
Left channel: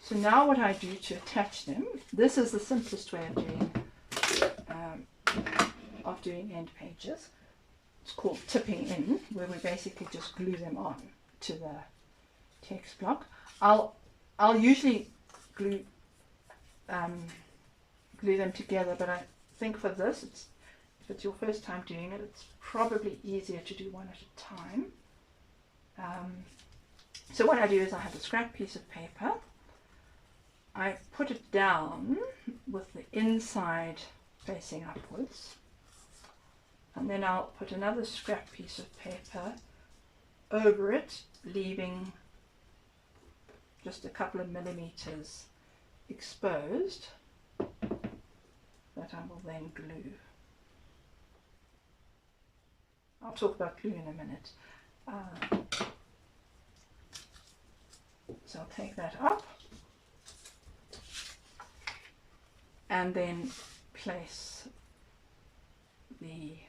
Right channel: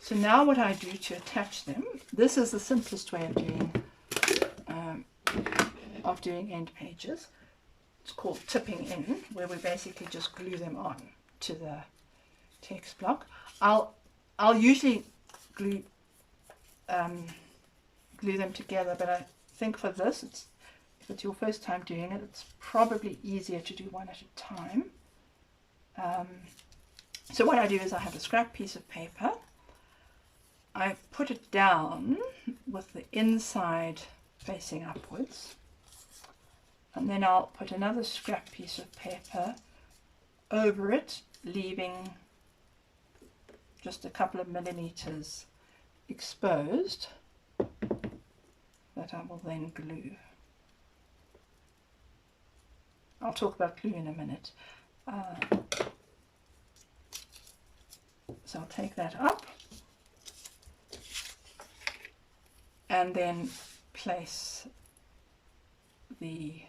So now what I do to attach them, this is the simplest way of doing end pages. It's called tipping in, where we basically just glue them on to the text block. I'll usually glue them together, but I think for this, if it's your first time doing it, it's probably easier to do one at a time. So what I do is I have a scrap piece of paper. I put it down with the inside facing upwards, and then I'll put another scrap piece of paper over it, leaving just a couple of millimeters exposed that I will then glue. I'll talk about glue in a minute. So I'll take that up and then place the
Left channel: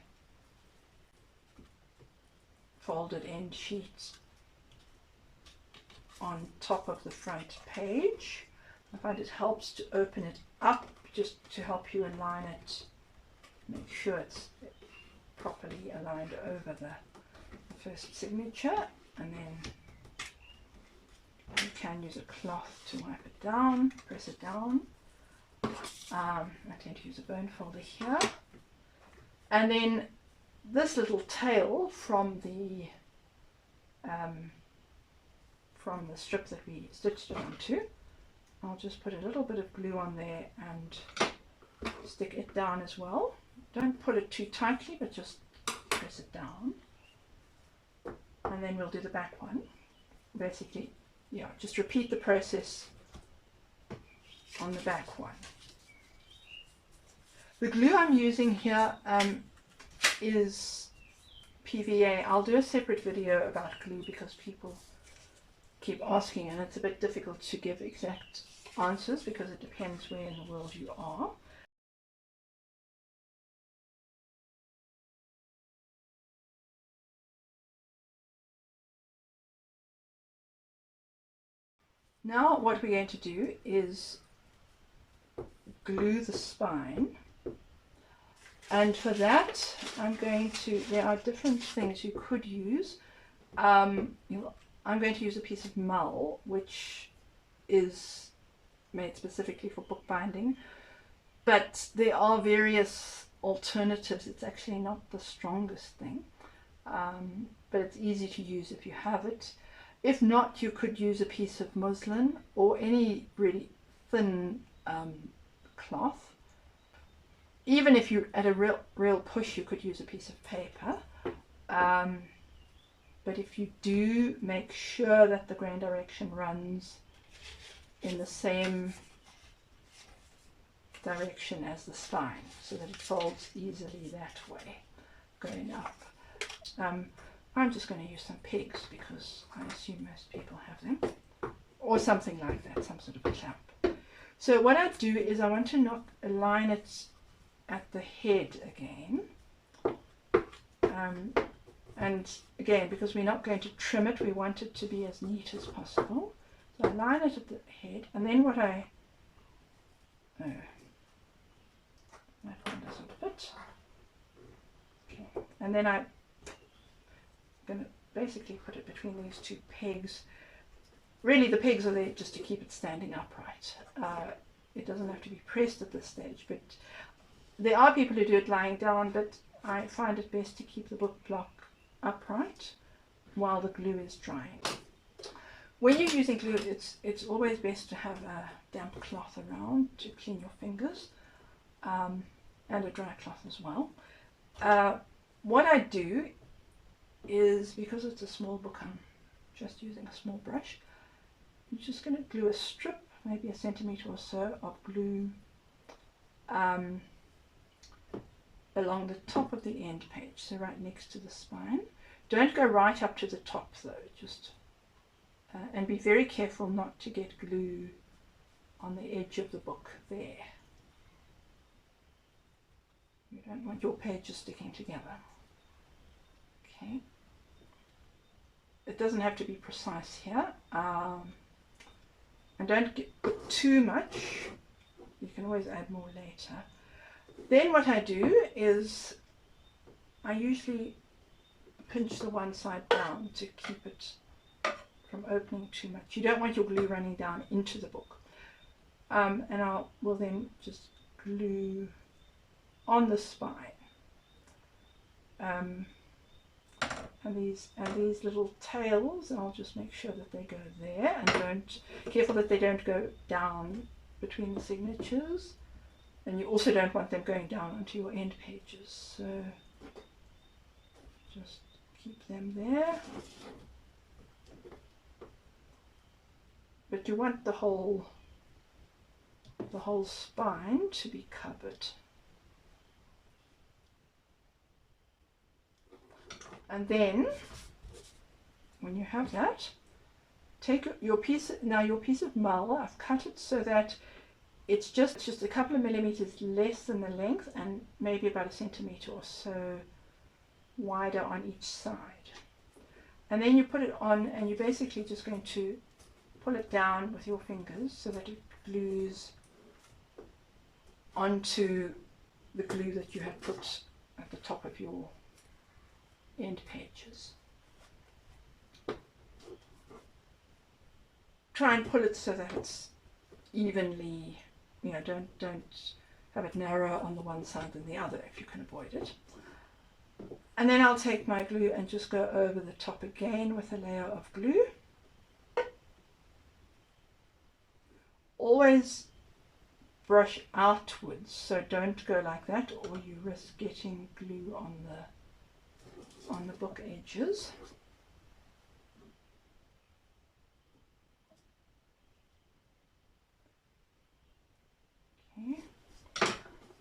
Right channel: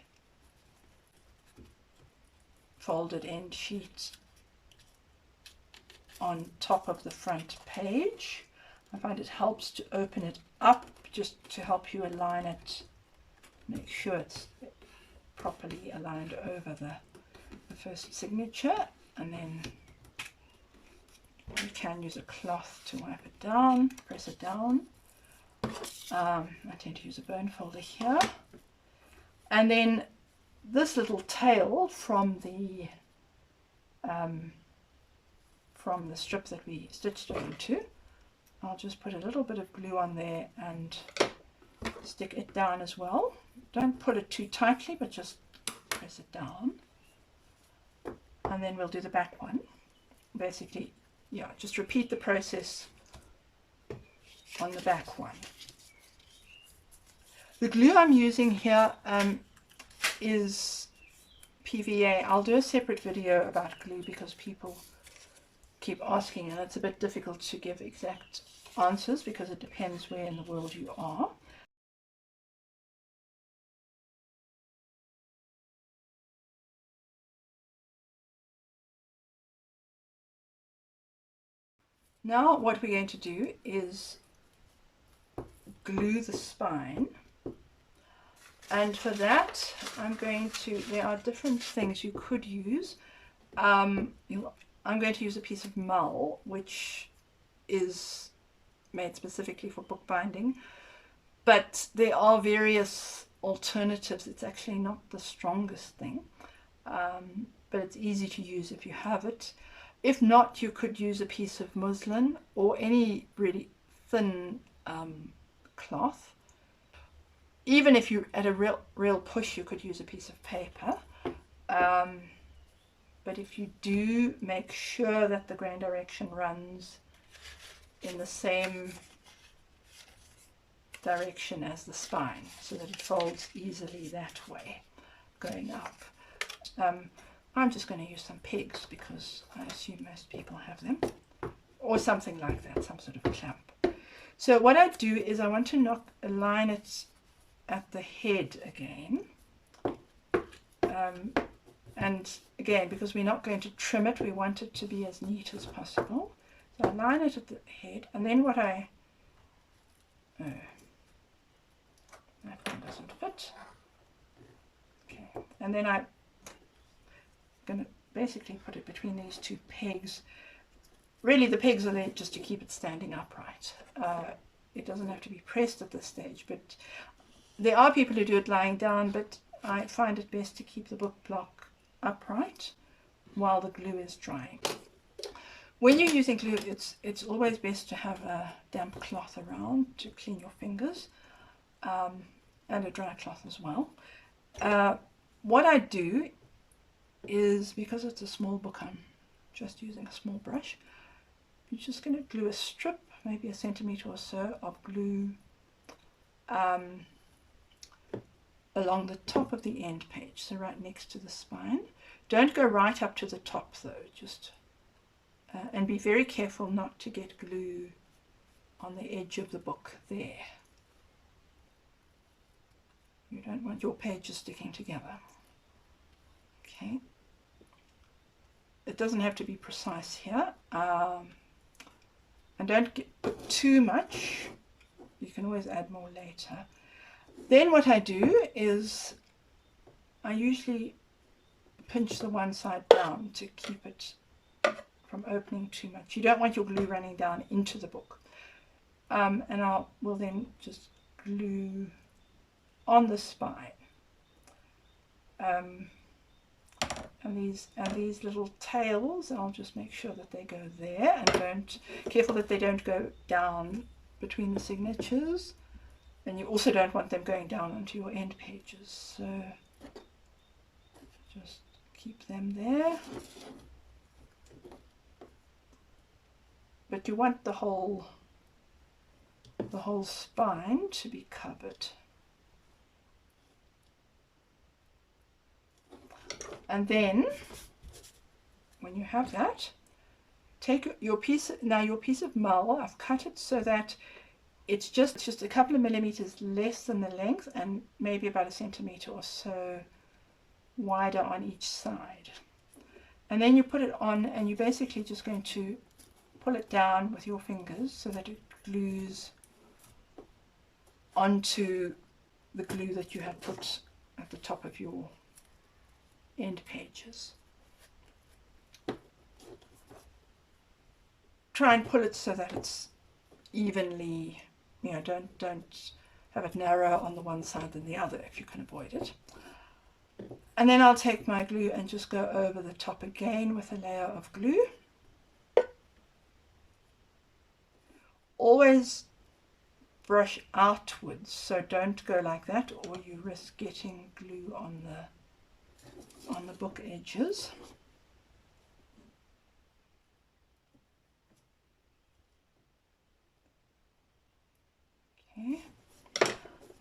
folded end sheet on top of the front page. I find it helps to open it up just to help you align it, make sure it's properly aligned over the first signature, and then you can use a cloth to wipe it down, press it down. I tend to use a bone folder here, and then this little tail from the strip that we stitched it onto, I'll just put a little bit of glue on there and stick it down as well. Don't pull it too tightly, but just press it down. and then we'll do the back one. Basically, yeah, just repeat the process on the back one. The glue I'm using here is PVA. I'll do a separate video about glue because people keep asking, and it's a bit difficult to give exact answers because it depends where in the world you are. Now what we're going to do is glue the spine, and for that I'm going to, there are different things you could use. I'm going to use a piece of mull which is made specifically for bookbinding, but there are various alternatives. It's actually not the strongest thing, but it's easy to use if you have it. If not, you could use a piece of muslin or any really thin cloth. Even if you're at a real push, you could use a piece of paper. But if you do, make sure that the grain direction runs in the same direction as the spine, so that it folds easily that way going up. I'm just going to use some pegs because I assume most people have them, or something like that, some sort of a clamp. So what I do is I want to align it at the head again, and again, because we're not going to trim it, we want it to be as neat as possible. So I line it at the head, and then what that one doesn't fit. Okay, and then I'm going to basically put it between these two pegs. Really, the pegs are there just to keep it standing upright. It doesn't have to be pressed at this stage, but there are people who do it lying down, but I find it best to keep the book block upright while the glue is drying. When you're using glue, it's always best to have a damp cloth around to clean your fingers, and a dry cloth as well. What I do is, because it's a small book, I'm just using a small brush. I'm just going to glue a strip, maybe a centimetre or so, of glue along the top of the end page, so right next to the spine. Don't go right up to the top though, just and be very careful not to get glue on the edge of the book there. You don't want your pages sticking together. Okay, it doesn't have to be precise here, and don't put too much. You can always add more later. Then what I do is I usually pinch the one side down to keep it from opening too much. You don't want your glue running down into the book. And will then just glue on the spine. And these little tails, I'll just make sure that they go there, and careful that they don't go down between the signatures. And you also don't want them going down onto your end pages, so just keep them there. But you want the whole spine to be covered. And then when you have that, take your piece of mull. I've cut it so that it's just a couple of millimeters less than the length, and maybe about a centimetre or so wider on each side. And then you put it on, and you're basically just going to pull it down with your fingers so that it glues onto the glue that you have put at the top of your end pages. Try and pull it so that it's evenly, you know, don't have it narrow on the one side than the other if you can avoid it. And then I'll take my glue and just go over the top again with a layer of glue. Always brush outwards, so don't go like that, or you risk getting glue on the book edges.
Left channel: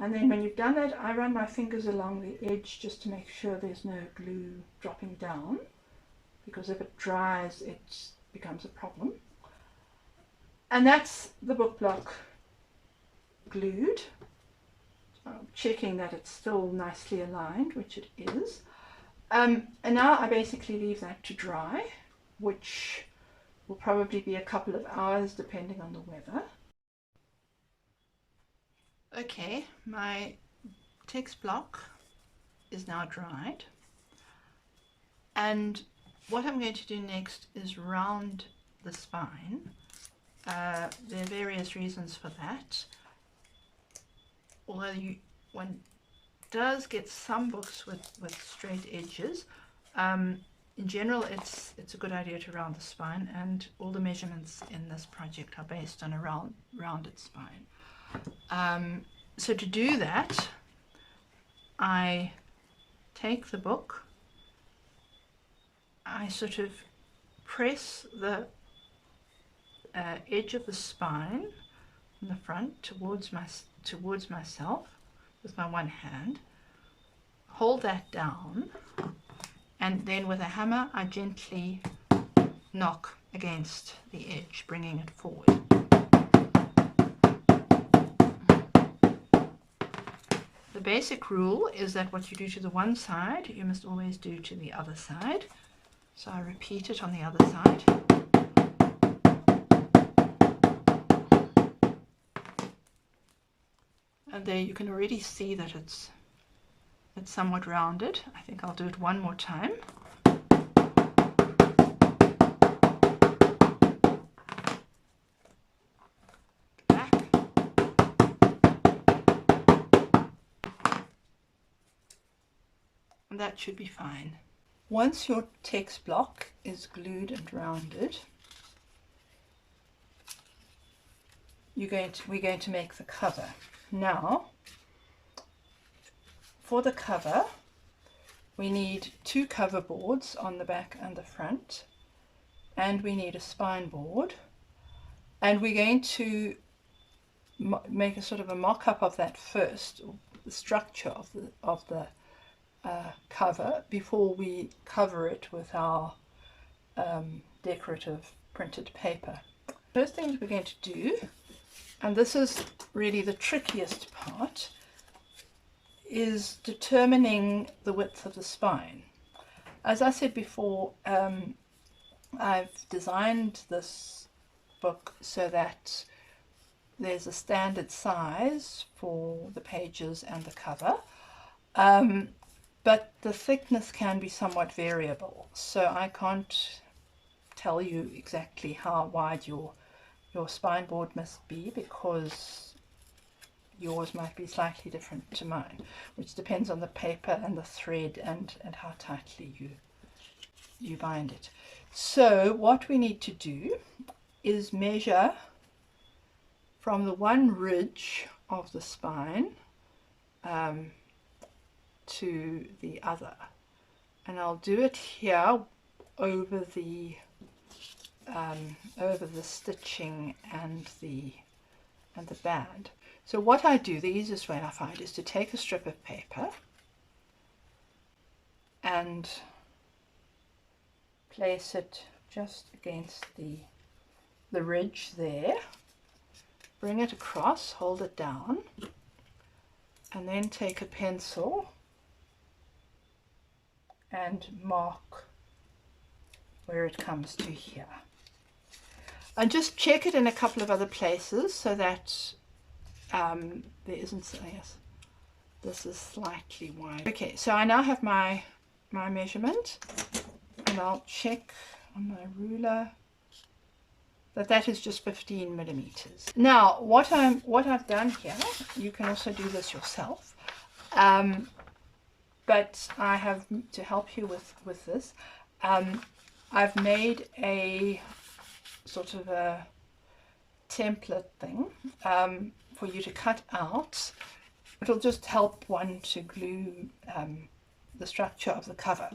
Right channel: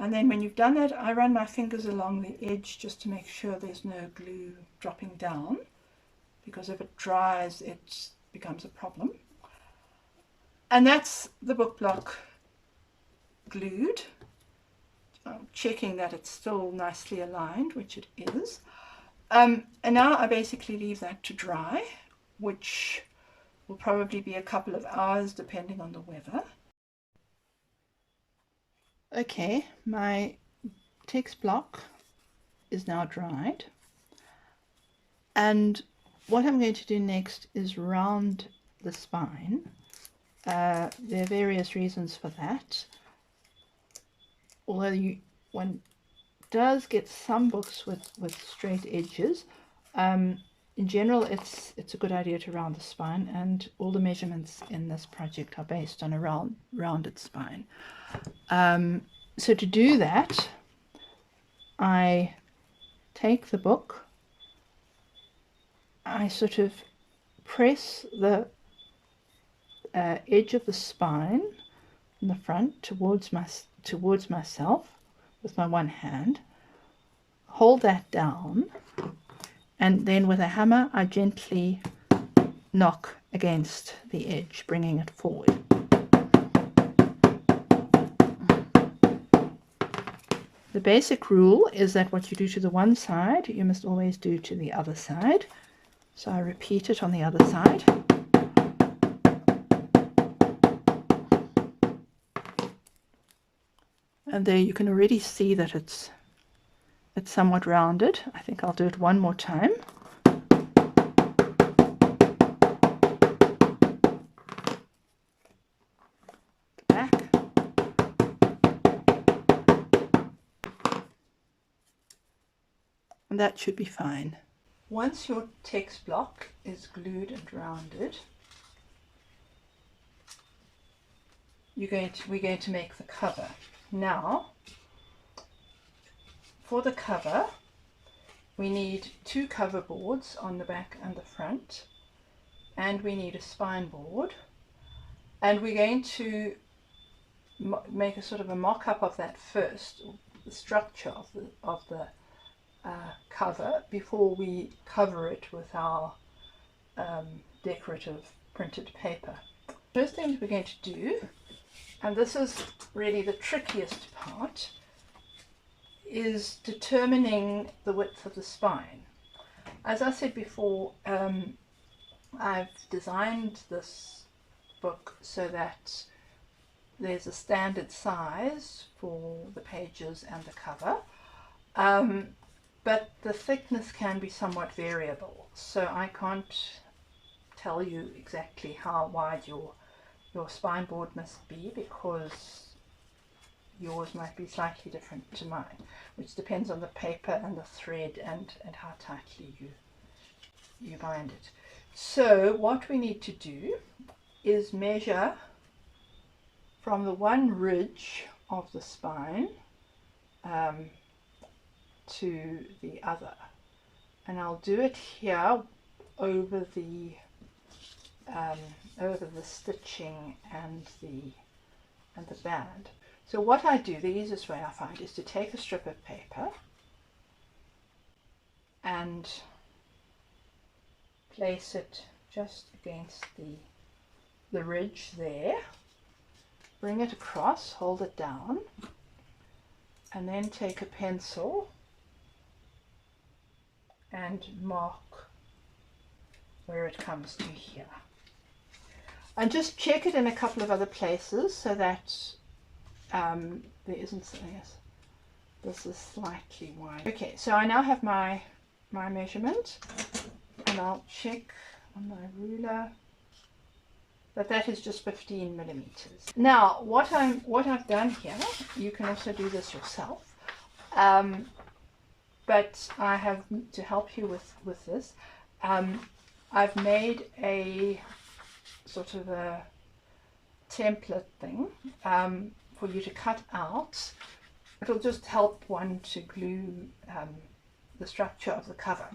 And then when you've done that, I run my fingers along the edge just to make sure there's no glue dropping down, because if it dries, it becomes a problem. And that's the book block glued. I'm checking that it's still nicely aligned, which it is. And now I basically leave that to dry, which will probably be a couple of hours depending on the weather. Okay, my text block is now dried, and what I'm going to do next is round the spine. There are various reasons for that, although one does get some books with straight edges. In general, it's a good idea to round the spine, and all the measurements in this project are based on a rounded spine. So to do that, I take the book, I sort of press the edge of the spine in the front towards myself with my one hand, hold that down, and then with a hammer I gently knock against the edge, bringing it forward. The basic rule is that what you do to the one side, you must always do to the other side. So I repeat it on the other side. And there you can already see that it's somewhat rounded. I think I'll do it one more time. Back. And that should be fine. Once your text block is glued and rounded, we're going to make the cover. Now, for the cover, we need 2 cover boards on the back and the front, and we need a spine board, and we're going to make a sort of a mock-up of that first, the structure of the cover, before we cover it with our decorative printed paper. First thing we're going to do, and this is really the trickiest part, is determining the width of the spine. As I said before, I've designed this book so that there's a standard size for the pages and the cover, but the thickness can be somewhat variable, so I can't tell you exactly how wide your spine board must be, because yours might be slightly different to mine, which depends on the paper and the thread and how tightly you bind it. So what we need to do is measure from the one ridge of the spine to the other, and I'll do it here over the stitching and the band. So what I do, the easiest way I find, is to take a strip of paper and place it just against the ridge there, bring it across, hold it down, and then take a pencil and mark where it comes to here. And just check it in a couple of other places so that there isn't, yes, this is slightly wide. Okay, so I now have my measurement, and I'll check on my ruler that is just 15 millimeters. Now what I've done here, you can also do this yourself, but I have, to help you with this, I've made a sort of a template thing for you to cut out. It'll just help one to glue the structure of the cover.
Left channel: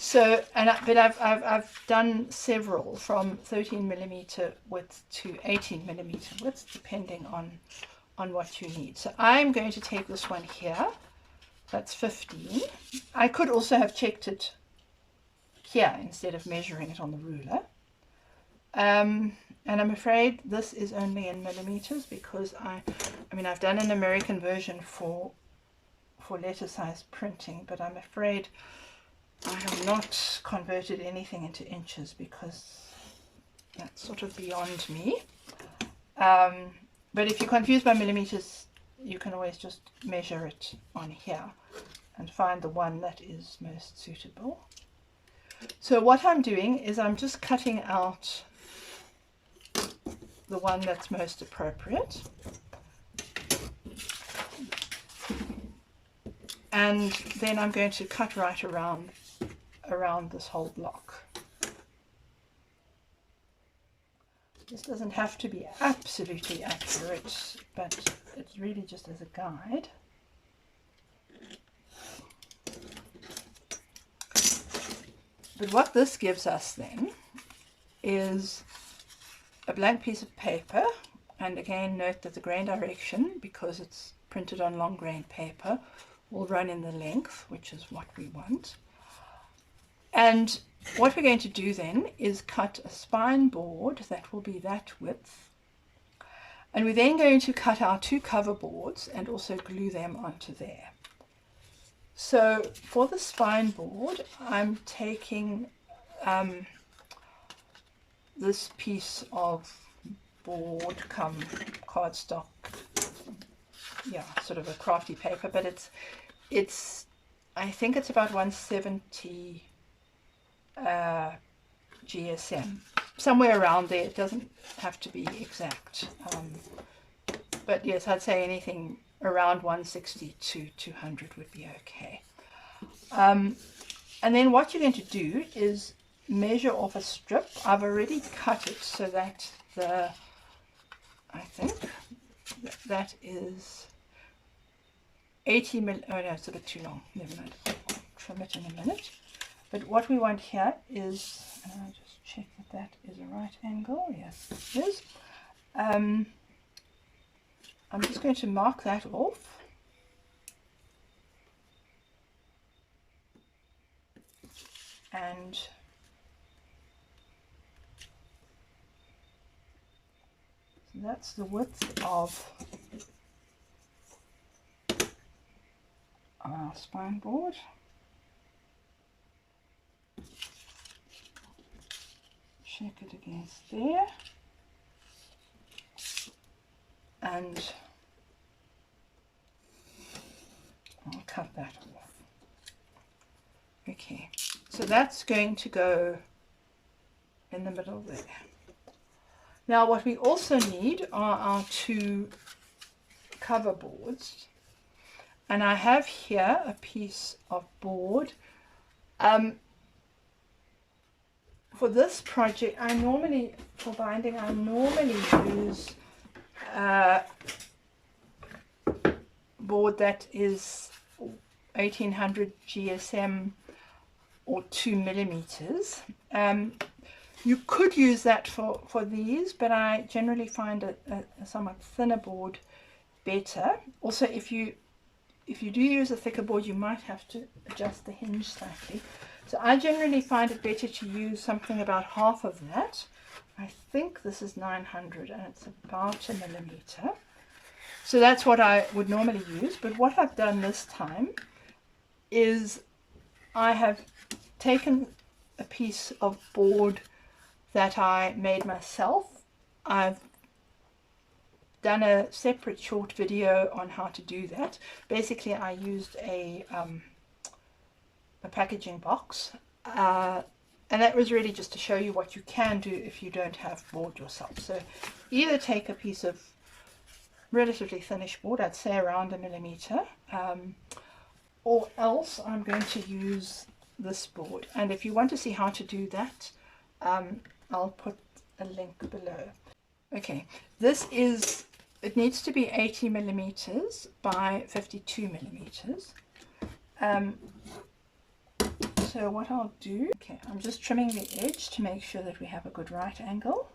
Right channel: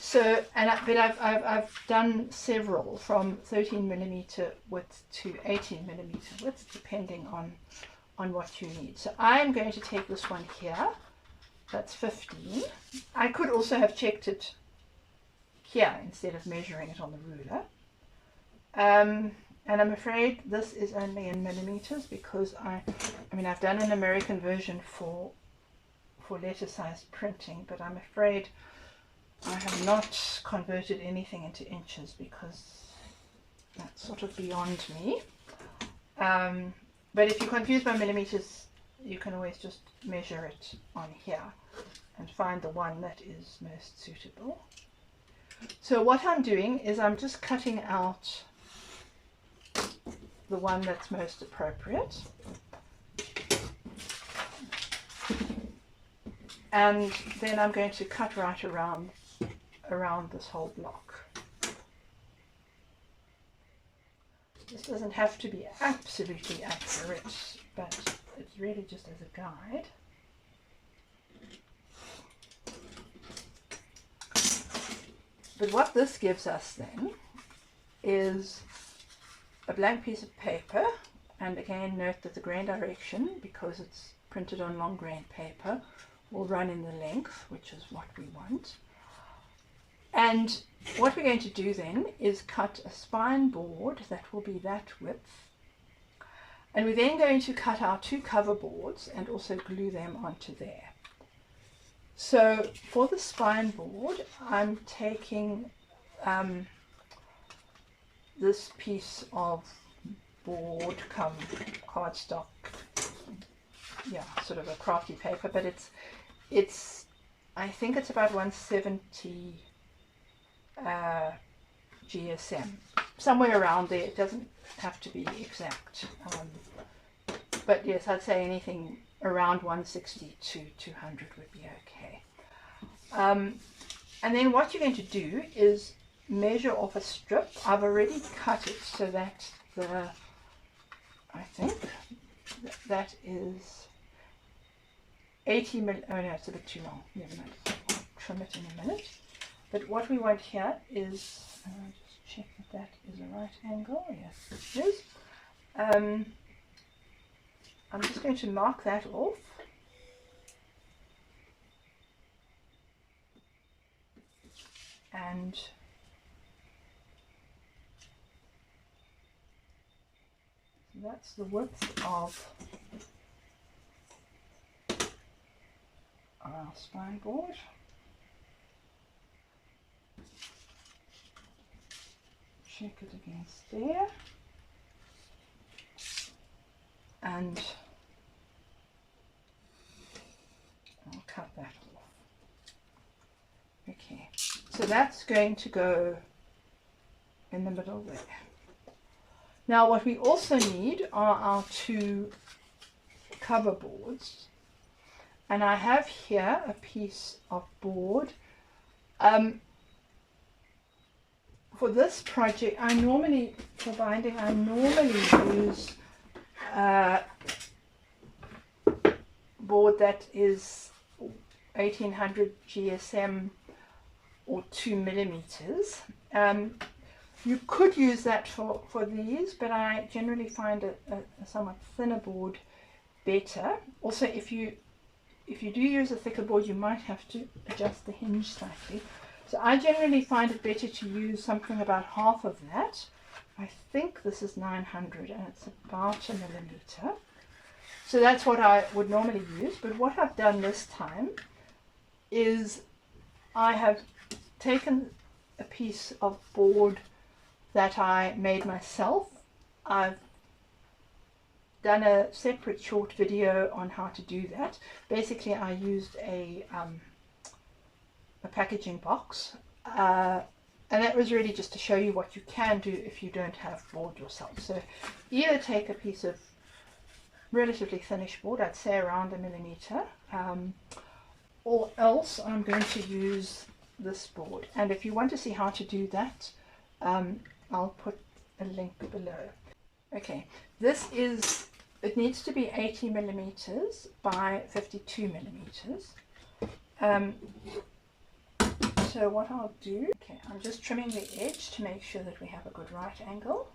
So, but I've done several from 13 millimeter width to 18 millimeter width, depending on what you need. So I'm going to take this one here. That's 15. I could also have checked it here instead of measuring it on the ruler. And I'm afraid this is only in millimeters because I mean I've done an American version for letter size printing, but I'm afraid I have not converted anything into inches because that's sort of beyond me. But if you're confused by millimeters, you can always just measure it on here and find the one that is most suitable. So what I'm doing is I'm just cutting out the one that's most appropriate, and then I'm going to cut right around this whole block. This doesn't have to be absolutely accurate, but it's really just as a guide. But what this gives us then is a blank piece of paper, and again note that the grain direction, because it's printed on long grain paper, will run in the length, which is what we want. And what we're going to do then is cut a spine board that will be that width, and we're then going to cut our 2 cover boards and also glue them onto there. So for the spine board, I'm taking this piece of board come cardstock, yeah, sort of a crafty paper, but it's I think it's about 170 GSM, somewhere around there. It doesn't have to be exact, but yes, I'd say anything around 160 to 200 would be okay. And then what you're going to do is measure off a strip. I've already cut it so that I think that is 80 mil. Oh no, it's a bit too long. Never mind. I'll trim it in a minute. But what we want here is, just check that is a right angle. Yes, it is. I'm just going to mark that off. And so that's the width of our spine board. Check it against there. And I'll cut that off. Okay, so that's going to go in the middle there. Now what we also need are our 2 cover boards, and I have here a piece of board. For this project, for binding, I normally use board that is 1800 GSM or 2 millimeters. You could use that for these, but I generally find a somewhat thinner board better. Also, if you do use a thicker board, you might have to adjust the hinge slightly. So I generally find it better to use something about half of that. I think this is 900 and it's about a millimeter. So that's what I would normally use. But what I've done this time is I have taken a piece of board that I made myself. I've done a separate short video on how to do that. Basically, I used a packaging box, and that was really just to show you what you can do if you don't have board yourself. So either take a piece of relatively thinnish board, I'd say around a millimeter, or else I'm going to use this board. And if you want to see how to do that, I'll put a link below. Okay, it needs to be 80 millimeters by 52 millimeters. So what I'll do, okay, I'm just trimming the edge to make sure that we have a good right angle.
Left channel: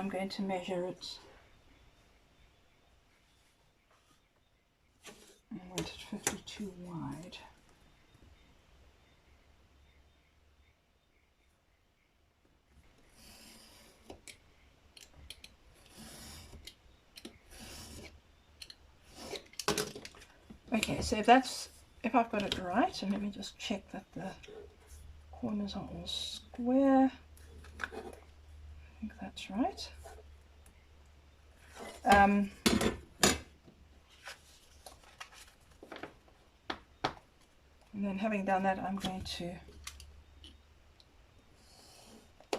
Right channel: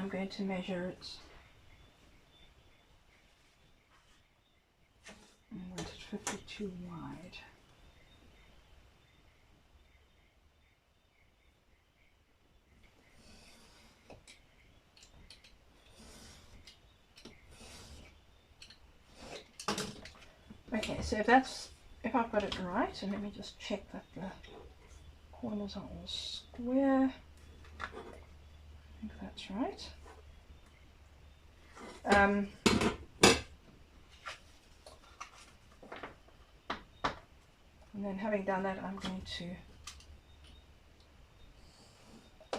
I'm going to measure it. I want it 52 wide. Okay, so if I've got it right, and let me just check that the corners are all square. I think that's right. And then having done that, I'm going to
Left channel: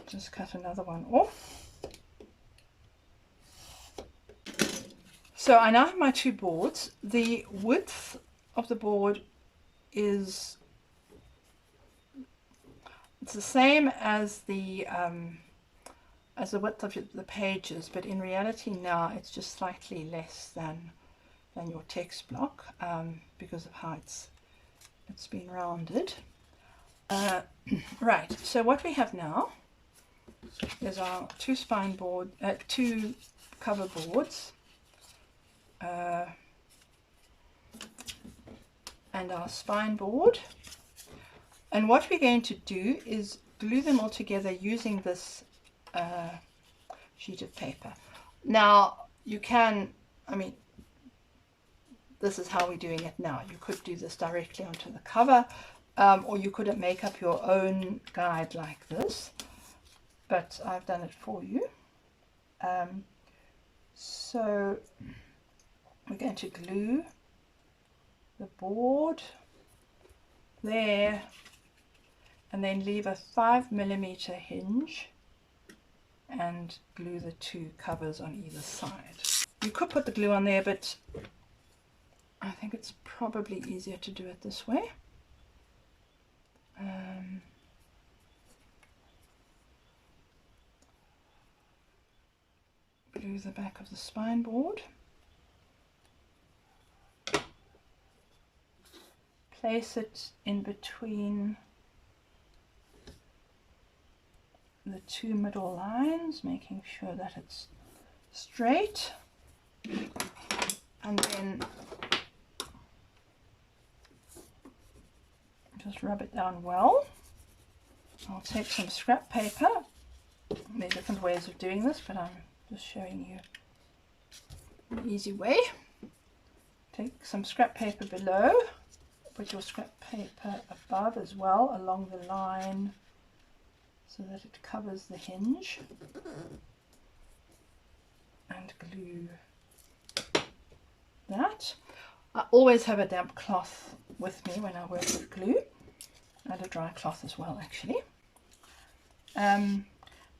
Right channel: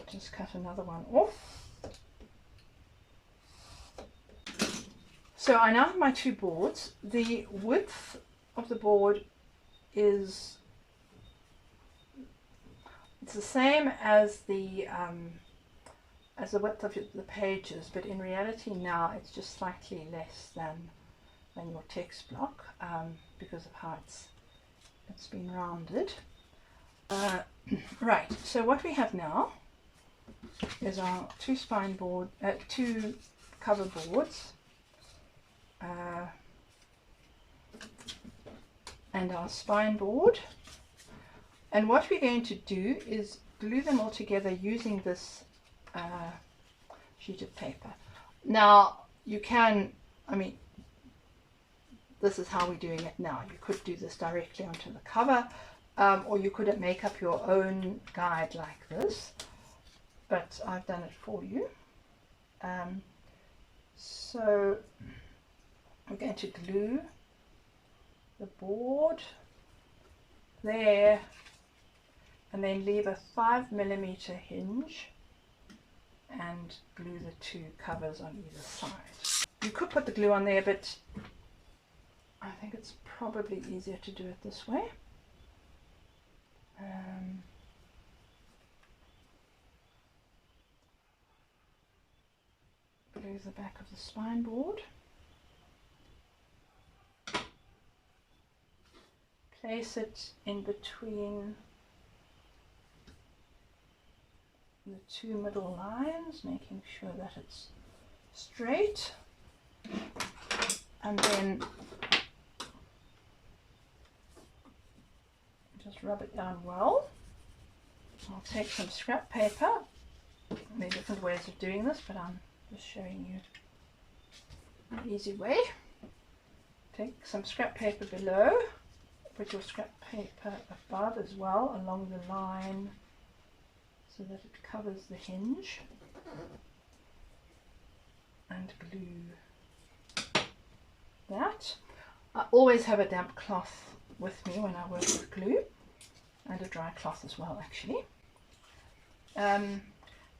just cut another one off. So I now have my two boards. The width of the board is it's the same as the width of the pages, but in reality now it's just slightly less than your text block because of how it's been rounded. Right, so what we have now is our two cover boards and our spine board, and what we're going to do is glue them all together using this sheet of paper. Now you can, I mean, this is how we're doing it now. You could do this directly onto the cover, or you could make up your own guide like this, but I've done it for you. So we're going to glue the board there and then leave a 5mm hinge and glue the two covers on either side. You could put the glue on there, but I think it's probably easier to do it this way. Glue the back of the spine board. Place it in between the two middle lines, making sure that it's straight, and then just rub it down well. I'll take some scrap paper. There are different ways of doing this, but I'm just showing you an easy way. Take some scrap paper below, put your scrap paper above as well along the line so that it covers the hinge, and glue that. I always have a damp cloth with me when I work with glue, and a dry cloth as well actually. And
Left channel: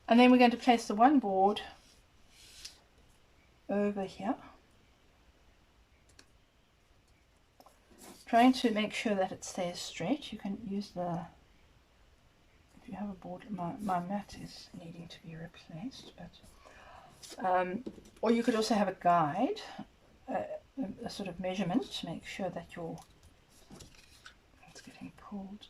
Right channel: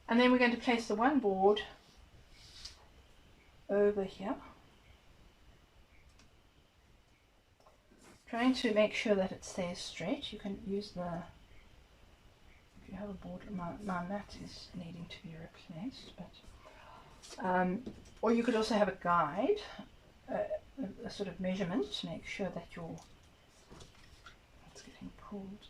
then we're going to place the one board over here, trying to make sure that it stays straight. You can use if you have a board, my mat is needing to be replaced, but or you could also have a guide, a sort of measurement to make sure that it's getting pulled.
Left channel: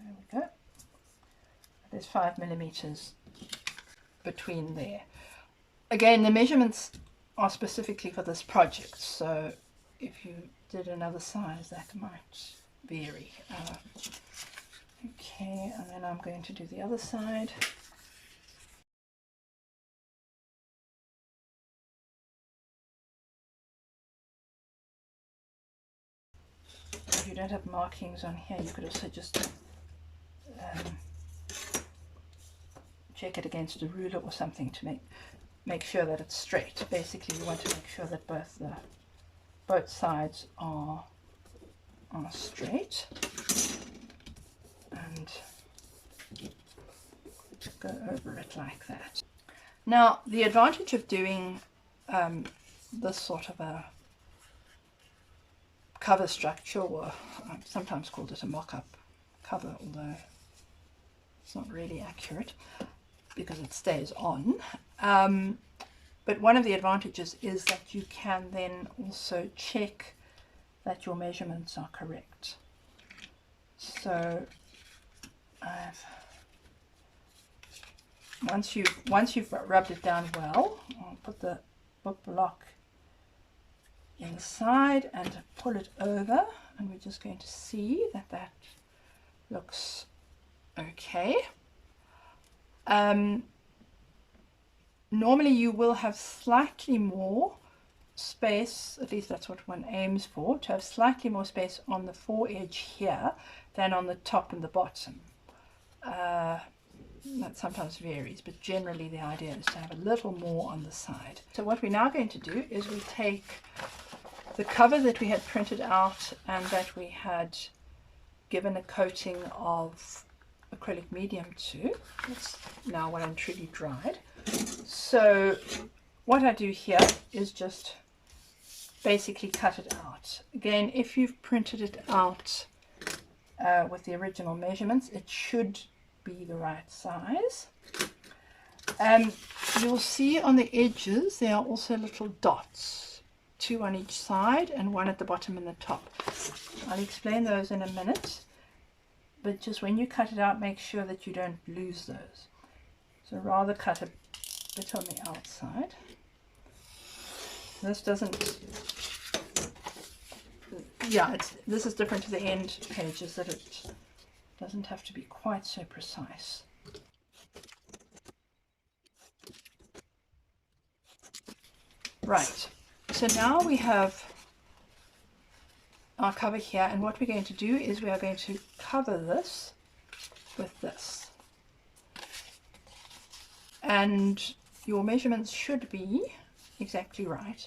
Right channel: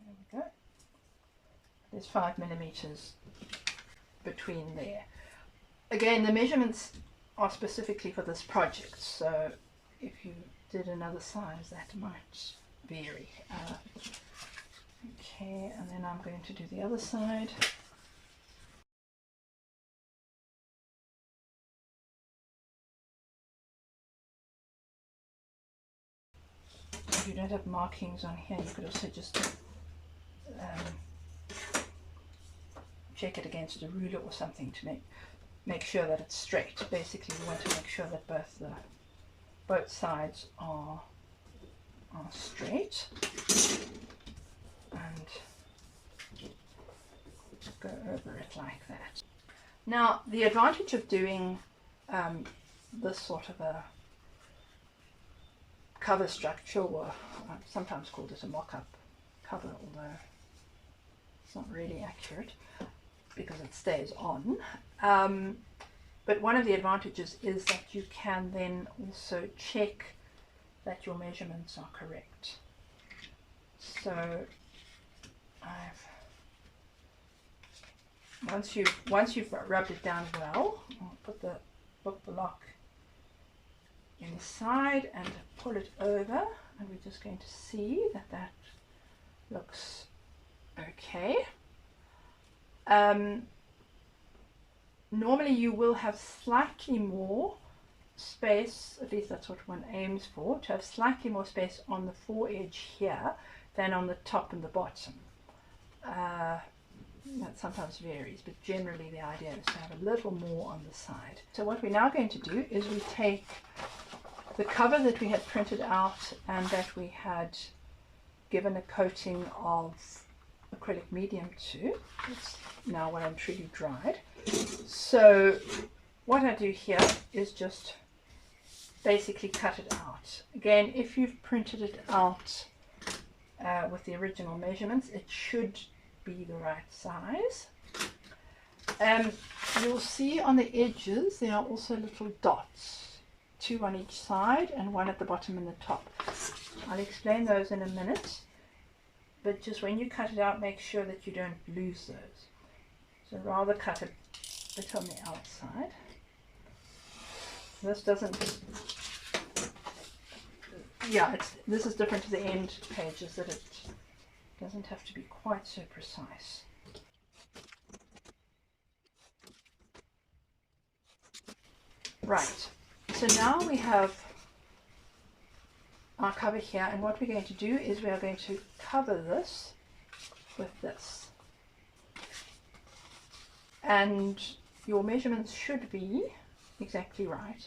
There we go. There's 5mm between there. Again, the measurements are specifically for this project, so if you did another size that might vary. Okay, and then I'm going to do the other side. If you don't have markings on here, you could also just check it against a ruler or something to make sure that it's straight. Basically, you want to make sure that both sides are straight, and go over it like that. Now, the advantage of doing this sort of a cover structure, or I've sometimes called it a mock-up cover, although it's not really accurate because it stays on. But one of the advantages is that you can then also check that your measurements are correct. So I've Once you've rubbed it down well, I'll put the book block inside and pull it over, and we're just going to see that that looks okay. Normally you will have slightly more space, at least that's what one aims for, to have slightly more space on the foredge here than on the top and the bottom. That sometimes varies, but generally the idea is to have a little more on the side. So what we're now going to do is we take the cover that we had printed out and that we had given a coating of acrylic medium to. It's now well and truly dried. So what I do here is just basically cut it out. Again, if you've printed it out with the original measurements, it should be the right size. You'll see on the edges there are also little dots, 2 on each side and 1 at the bottom and the top. I'll explain those in a minute, but just when you cut it out, make sure that you don't lose those. So rather cut a bit on the outside. This doesn't, yeah, this is different to the end pages, that it doesn't have to be quite so precise. Right, so now we have our cover here, and what we're going to do is we are going to cover this with this. And your measurements should be exactly right.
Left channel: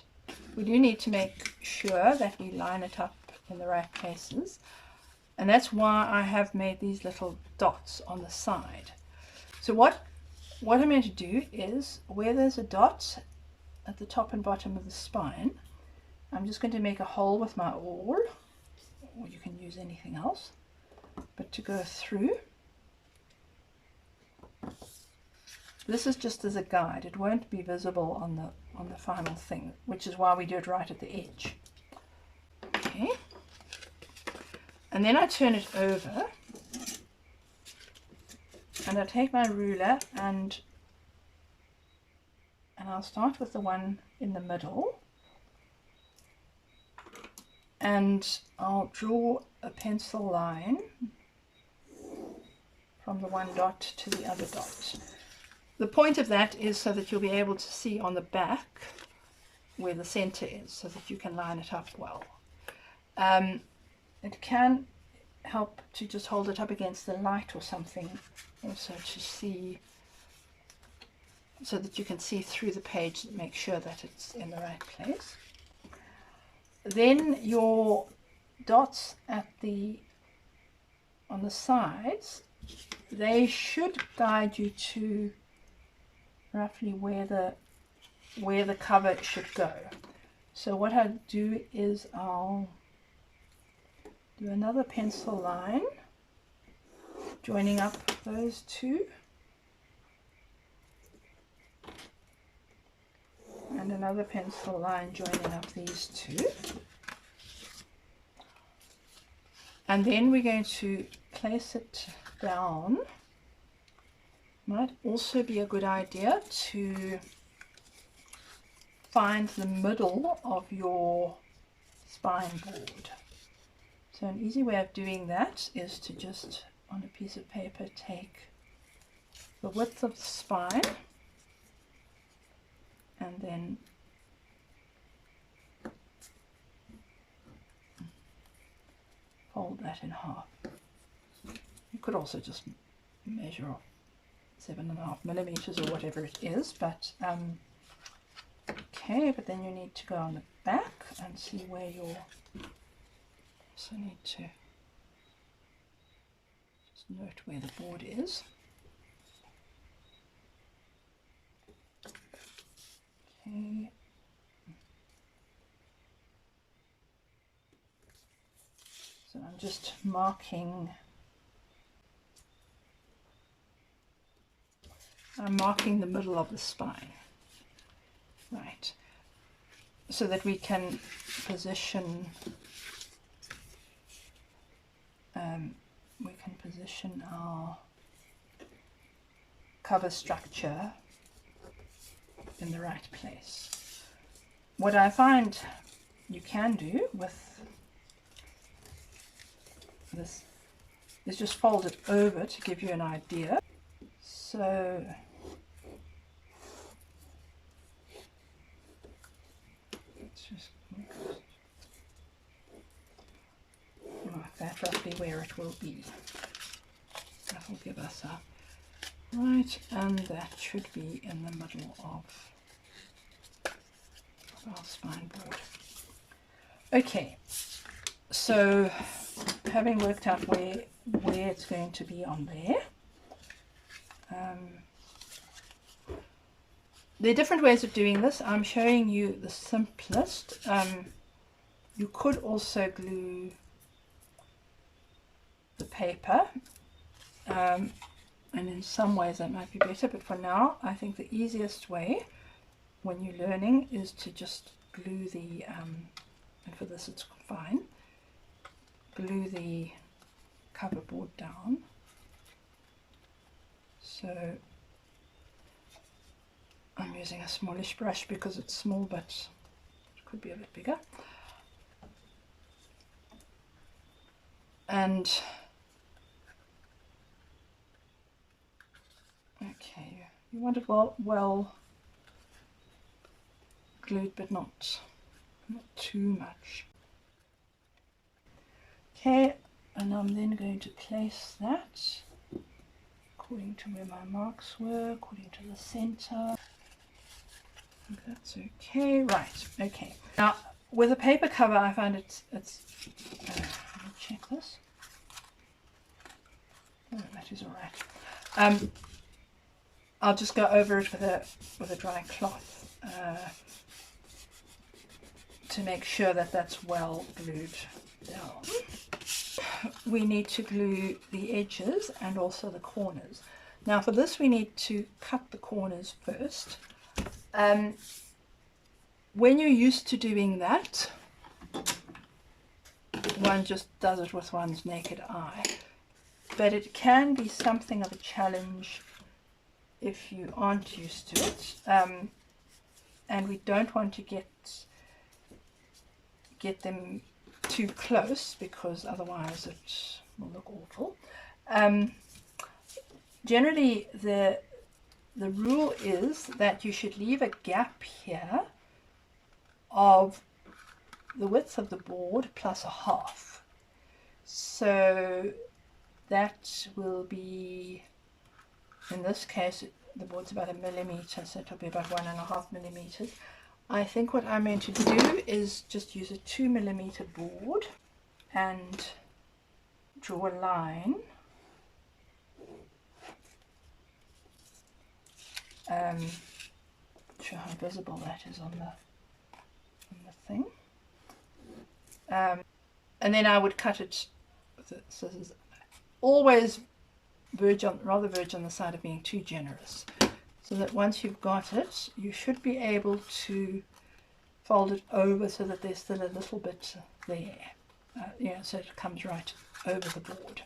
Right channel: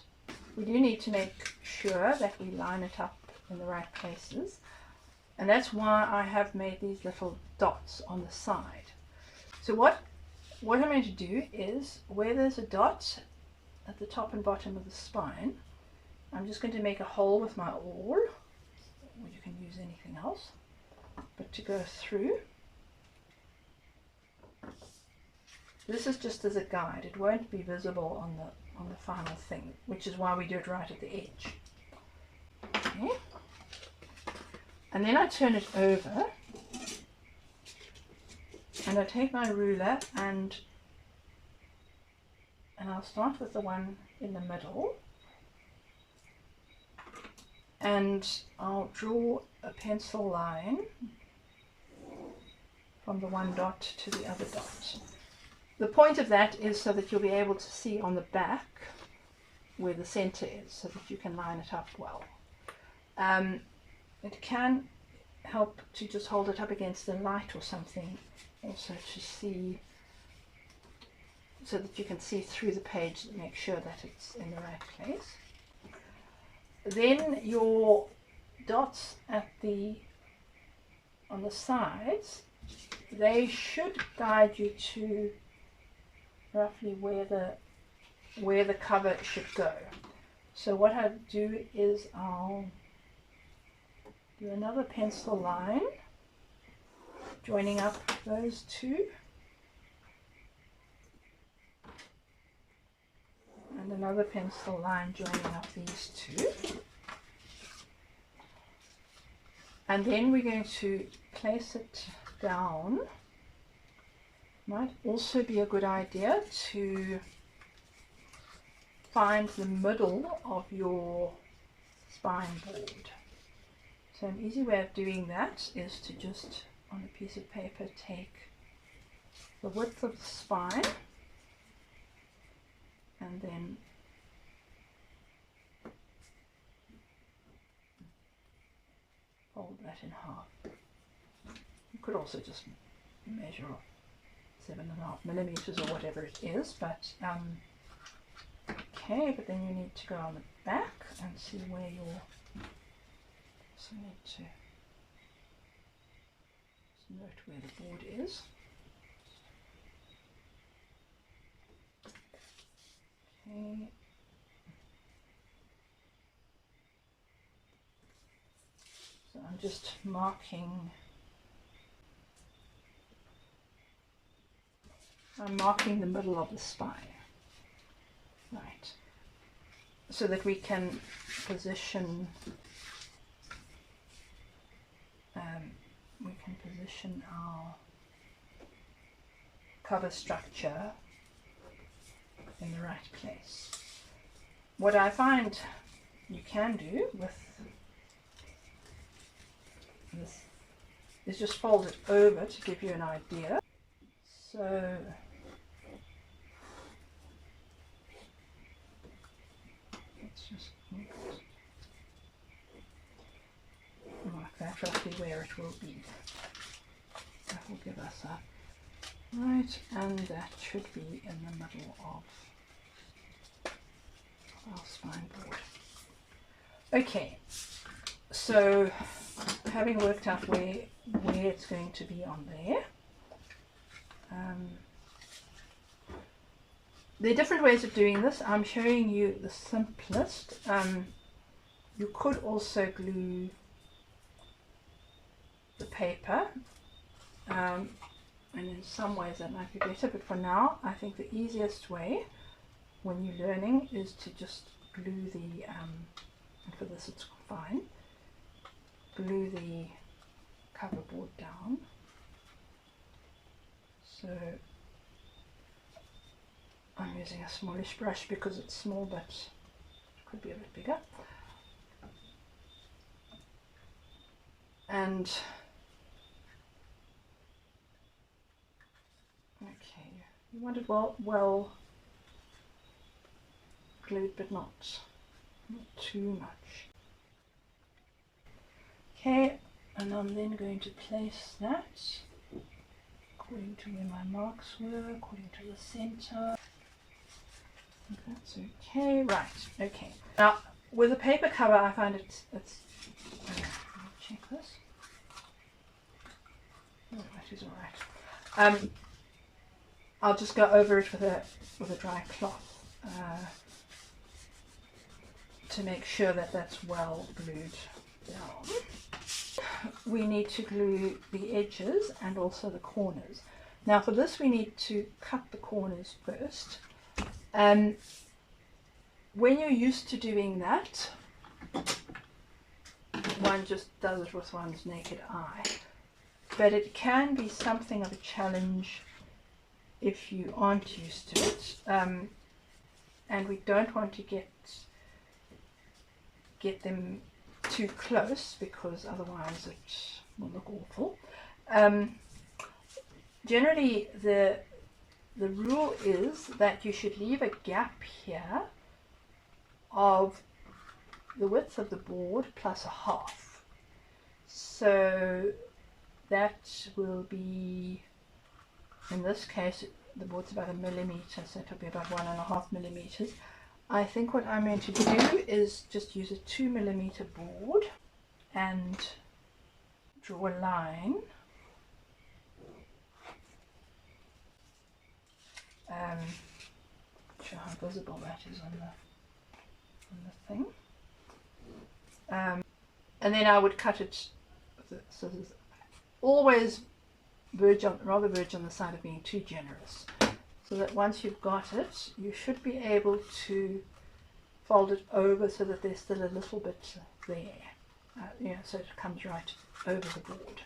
We do need to make sure that we line it up in the right places. And that's why I have made these little dots on the side. So what I'm going to do is, where there's a dot at the top and bottom of the spine, I'm just going to make a hole with my awl, or you can use anything else, but to go through. This is just as a guide. It won't be visible on the final thing, which is why we do it right at the edge. Okay. And then I turn it over and I take my ruler and I'll start with the one in the middle, and I'll draw a pencil line from the one dot to the other dot. The point of that is so that you'll be able to see on the back where the center is, so that you can line it up well. It can help to just hold it up against the light or something, also to see, so that you can see through the page and make sure that it's in the right place. Then your dots at on the sides, they should guide you to roughly where the cover should go. So what I do is I'll do another pencil line joining up those two, and another pencil line joining up these two, and then we're going to place it down. Might also be a good idea to find the middle of your spine board. So an easy way of doing that is to just, on a piece of paper, take the width of the spine and then fold that in half. You could also just measure off 7.5 millimeters or whatever it is, but okay, but then you need to go on the back and see where your, so need to just note where the board is. Okay. So I'm just marking, I'm marking the middle of the spine, right, so that we can position our cover structure in the right place. What I find you can do with this is just fold it over to give you an idea. So let's just mark that roughly where it will be. That will give us a right, and that should be in the middle of our spine board. Okay, so having worked out where it's going to be on there, there are different ways of doing this. I'm showing you the simplest. You could also glue the paper, and in some ways that might be better, but for now I think the easiest way when you're learning is to just glue the and for this it's fine, glue the cover board down. So I'm using a smallish brush because it's small, but it could be a bit bigger. And okay, you want it well glued, but not too much. Okay, and I'm then going to place that according to where my marks were, according to the center. That's okay, right, okay. Now with a paper cover I find it's let me check this. Oh, that is all right. I'll just go over it with a dry cloth to make sure that that's well glued down. We need to glue the edges and also the corners. Now for this we need to cut the corners first. When you're used to doing that, one just does it with one's naked eye, but it can be something of a challenge if you aren't used to it, and we don't want to get them too close because otherwise it will look awful. Generally the rule is that you should leave a gap here of the width of the board plus a half. So that will be, in this case the board's about 1 millimeter, so it'll be about 1.5 millimeters. I think what I'm going to do is just use a 2 millimeter board and draw a line not sure how visible that is on the thing, and then I would cut it with the scissors. Always rather verge on the side of being too generous, so that once you've got it you should be able to fold it over so that there's still a little bit there, so it comes right over the board.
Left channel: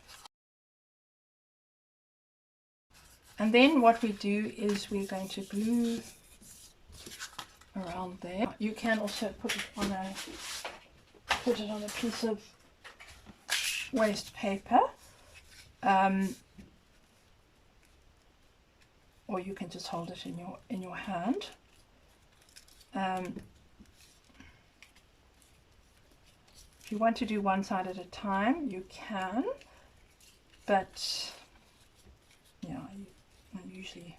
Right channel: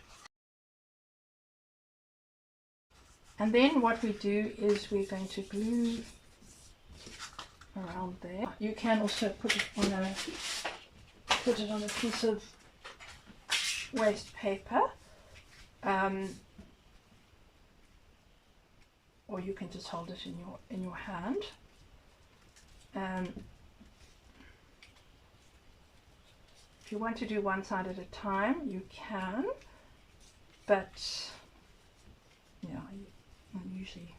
And then what we do is we're going to glue around there. You can also put it on a piece of waste paper, or you can just hold it in your hand. If you want to do one side at a time, you can, but I usually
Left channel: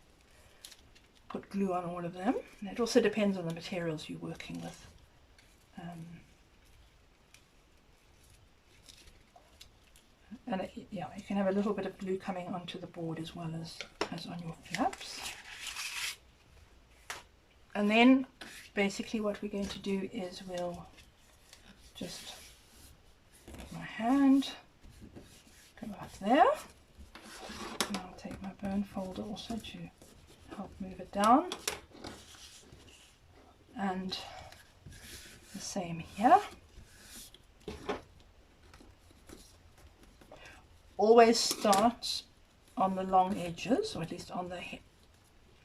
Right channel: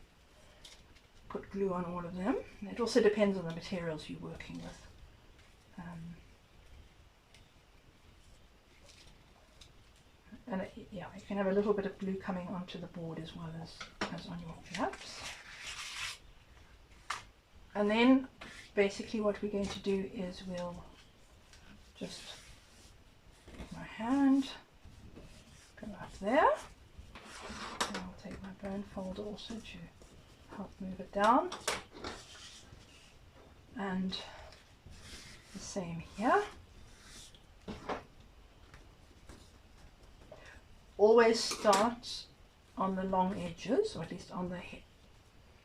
put glue on all of them. It also depends on the materials you're working with. And you can have a little bit of glue coming onto the board as well as on your flaps. And then basically what we're going to do is we'll just my hand go up there, and I'll take my bone folder also to help move it down, and the same here. Always start on the long edges, or at least on the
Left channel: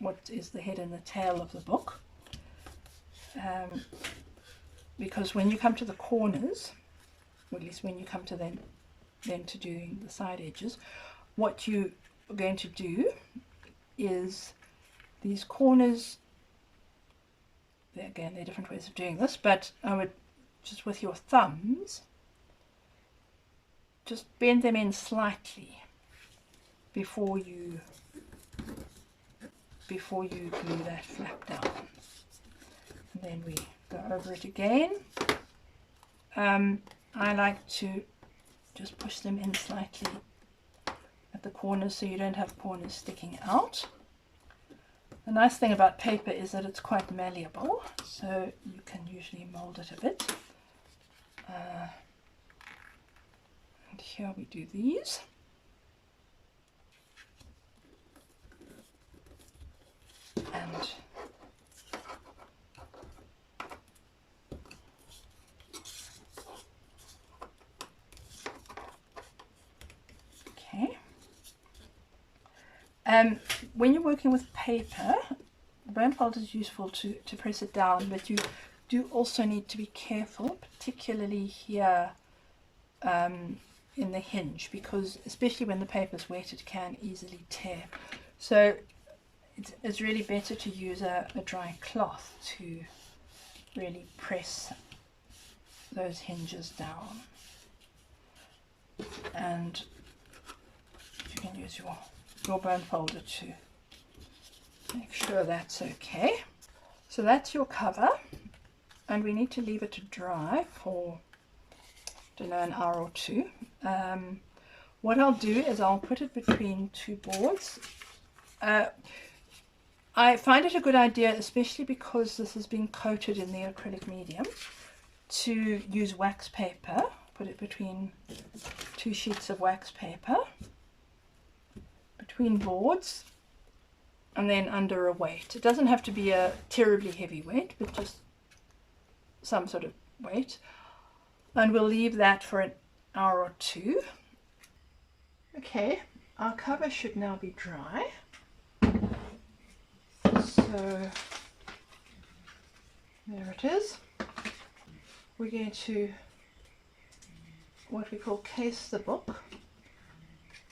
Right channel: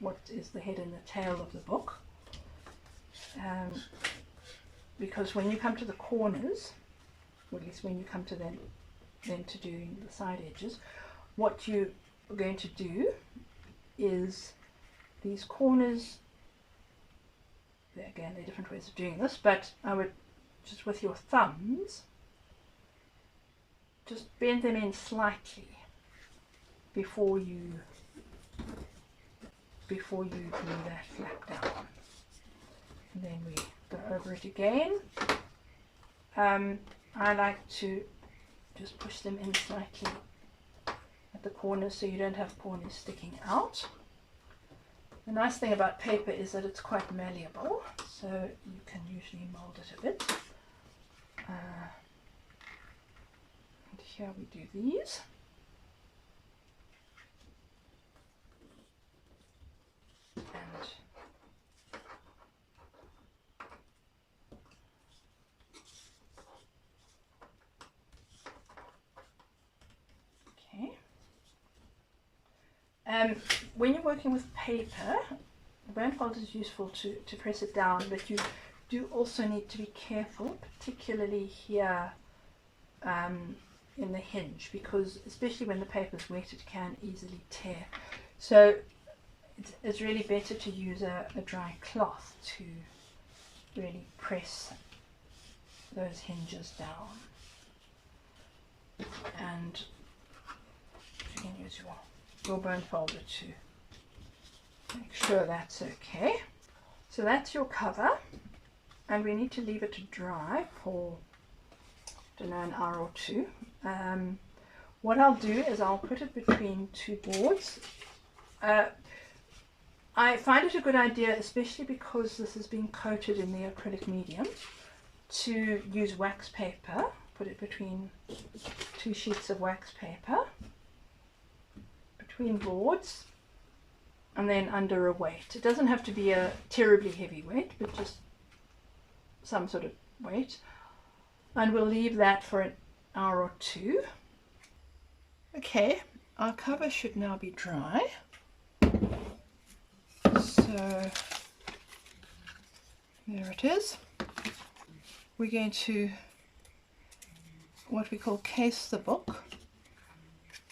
what is the head and the tail of the book, because when you come to the corners, or at least when you come to them to doing the side edges, what you are going to do is these corners, again there are different ways of doing this, but I would just with your thumbs just bend them in slightly before you glue that flap down, and then we go over it again. I like to just push them in slightly at the corners so you don't have corners sticking out. The nice thing about paper is that it's quite malleable, so you can usually mold it a bit. And here we do these. And okay. When you're working with paper, blindfold is useful to press it down, but you do also need to be careful, particularly here in the hinge, because especially when the paper is wet it can easily tear. So it's really better to use a dry cloth to really press those hinges down, and you can use your bone folder to make sure that's okay. So that's your cover, and we need to leave it to dry for, I don't know, an hour or two. What I'll do is I'll put it between two boards. I find it a good idea, especially because this has been coated in the acrylic medium, to use wax paper. Put it between two sheets of wax paper, between boards, and then under a weight. It doesn't have to be a terribly heavy weight, but just some sort of weight. And we'll leave that for an hour or two. Okay, our cover should now be dry. So there it is. We're going to what we call case the book.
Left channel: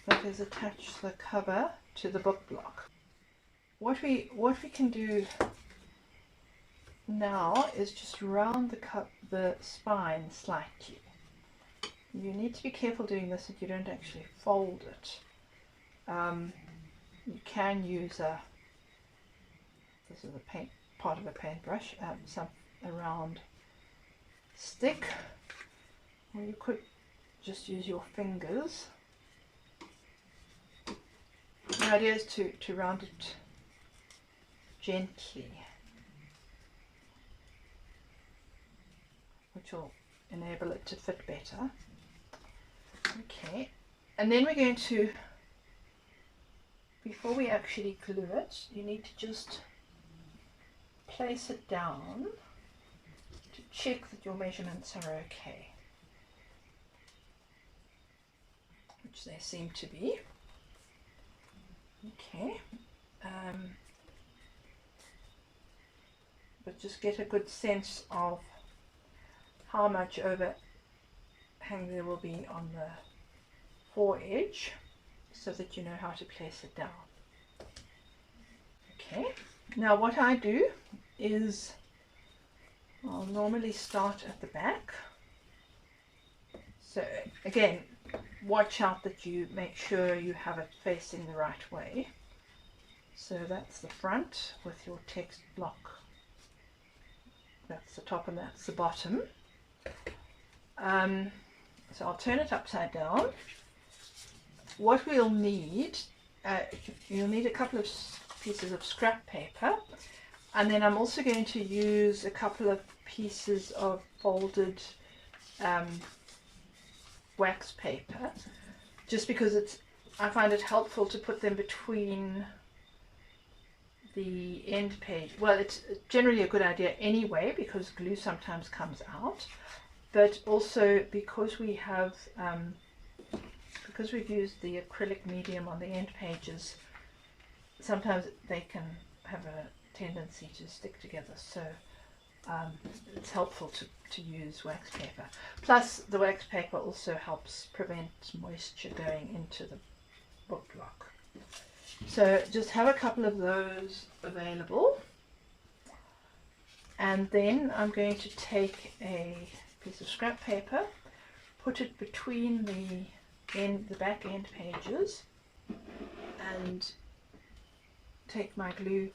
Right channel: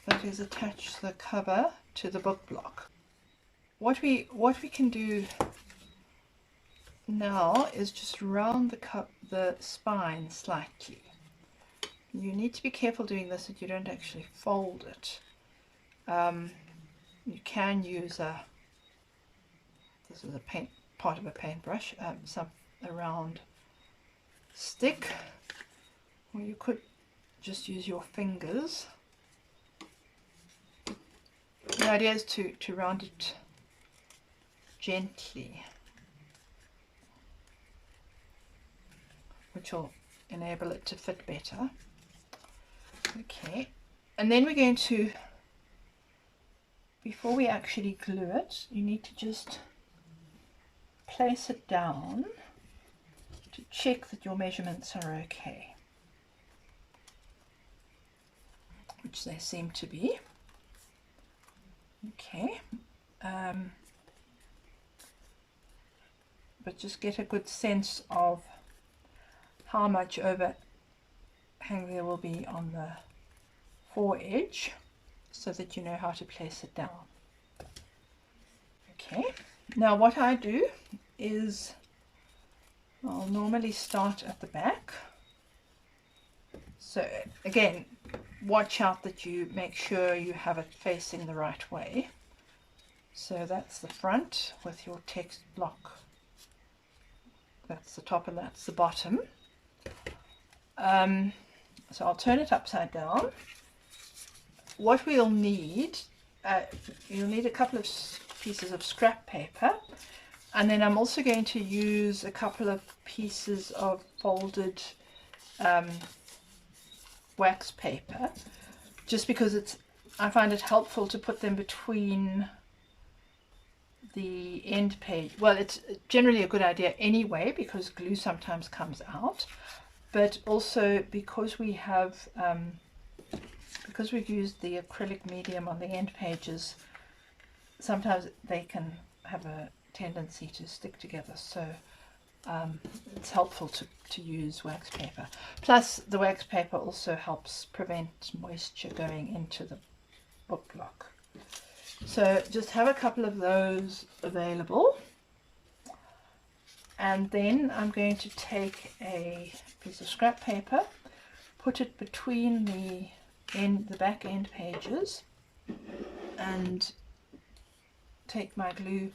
That is, attach the cover to the book block. What we can do now is just round the spine slightly. You need to be careful doing this that you don't actually fold it. You can use this is a part of a paintbrush, a round stick, or you could just use your fingers. The idea is to round it gently, which will enable it to fit better. Okay, and then we're going to, before we actually glue it, you need to just place it down to check that your measurements are okay, which they seem to be. Okay, but just get a good sense of how much overhang there will be on the foredge so that you know how to place it down. Okay, now what I do is I'll normally start at the back. So again, watch out that you make sure you have it facing the right way. So that's the front with your text block. That's the top and that's the bottom. So I'll turn it upside down. What we'll need, you'll need a couple of pieces of scrap paper, and then I'm also going to use a couple of pieces of folded wax paper, just because I find it helpful to put them between the end page. Well, it's generally a good idea anyway because glue sometimes comes out, but also because we have because we've used the acrylic medium on the end pages, sometimes they can have a tendency to stick together, so it's helpful to use wax paper. Plus the wax paper also helps prevent moisture going into the book block. So just have a couple of those available, and then I'm going to take a piece of scrap paper, put it between the back end pages, and take my glue.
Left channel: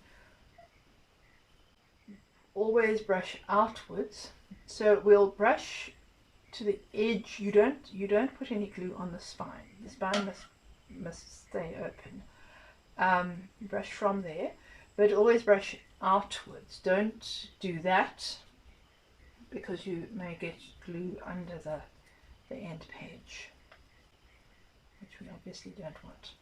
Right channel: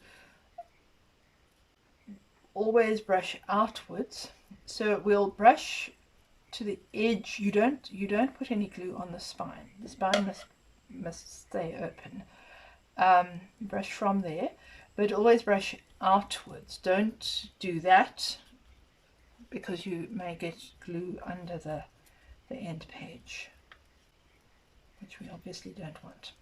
Always brush outwards, so we'll brush to the edge. You don't put any glue on the spine. The spine must stay open. Brush from there, but always brush outwards. Don't do that because you may get glue under the end page, which we obviously don't want.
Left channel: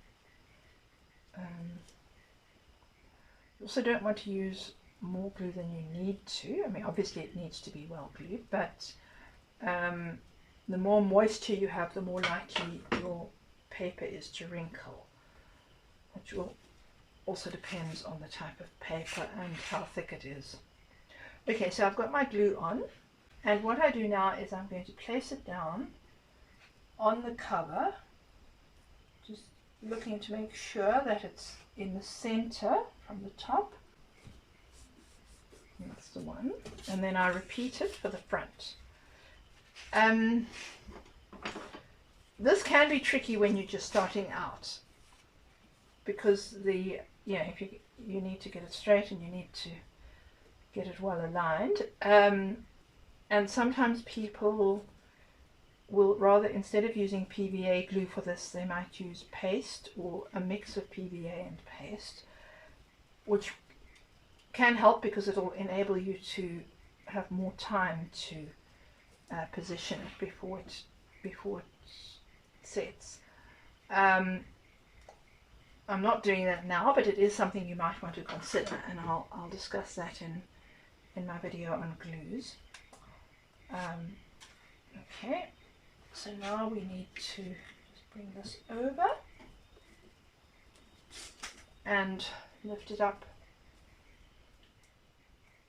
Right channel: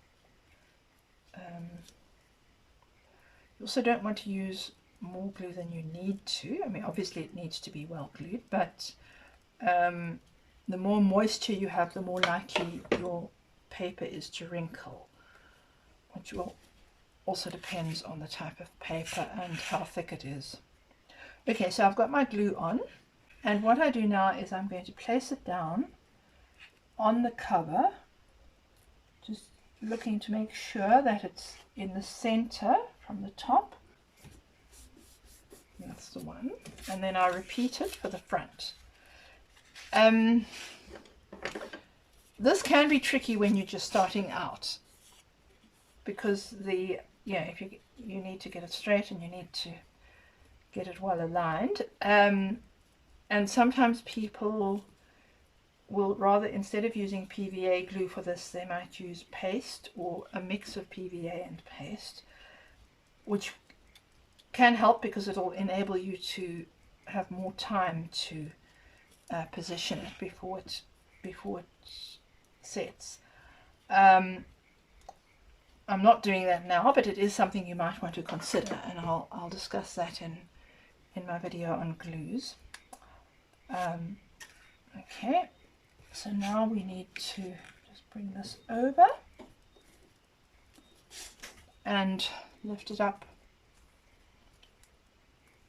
You also don't want to use more glue than you need to. I mean, obviously it needs to be well glued, but the more moisture you have, the more likely your paper is to wrinkle, which will also depends on the type of paper and how thick it is. Okay, so I've got my glue on, and what I do now is I'm going to place it down on the cover, just looking to make sure that it's in the center from the top. That's the one, and then I repeat it for the front. This can be tricky when you're just starting out, because if you need to get it straight and you need to get it well aligned, and sometimes people will rather, instead of using PVA glue for this, they might use paste or a mix of PVA and paste, which can help because it'll enable you to have more time to position it before it sets. I'm not doing that now, but it is something you might want to consider, and I'll discuss that in my video on glues. Okay, so now we need to just bring this over and lift it up.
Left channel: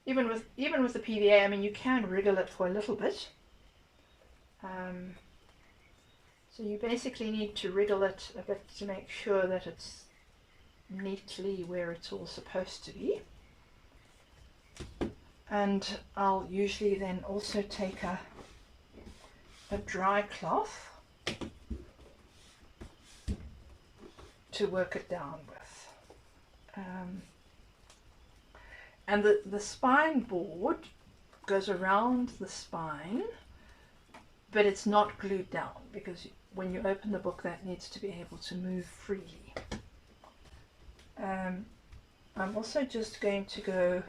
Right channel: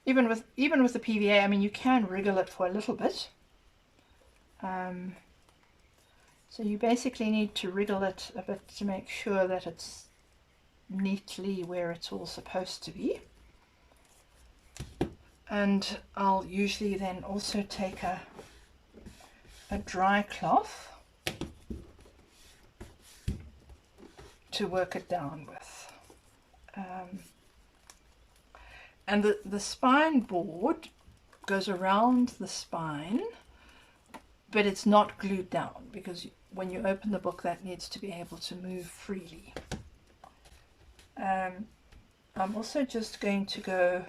Even with the PVA, I mean, you can wriggle it for a little bit. So you basically need to wriggle it a bit to make sure that it's neatly where it's all supposed to be. And I'll usually then also take a dry cloth to work it down with. And the spine board goes around the spine, but it's not glued down, because when you open the book, that needs to be able to move freely. I'm also just going to go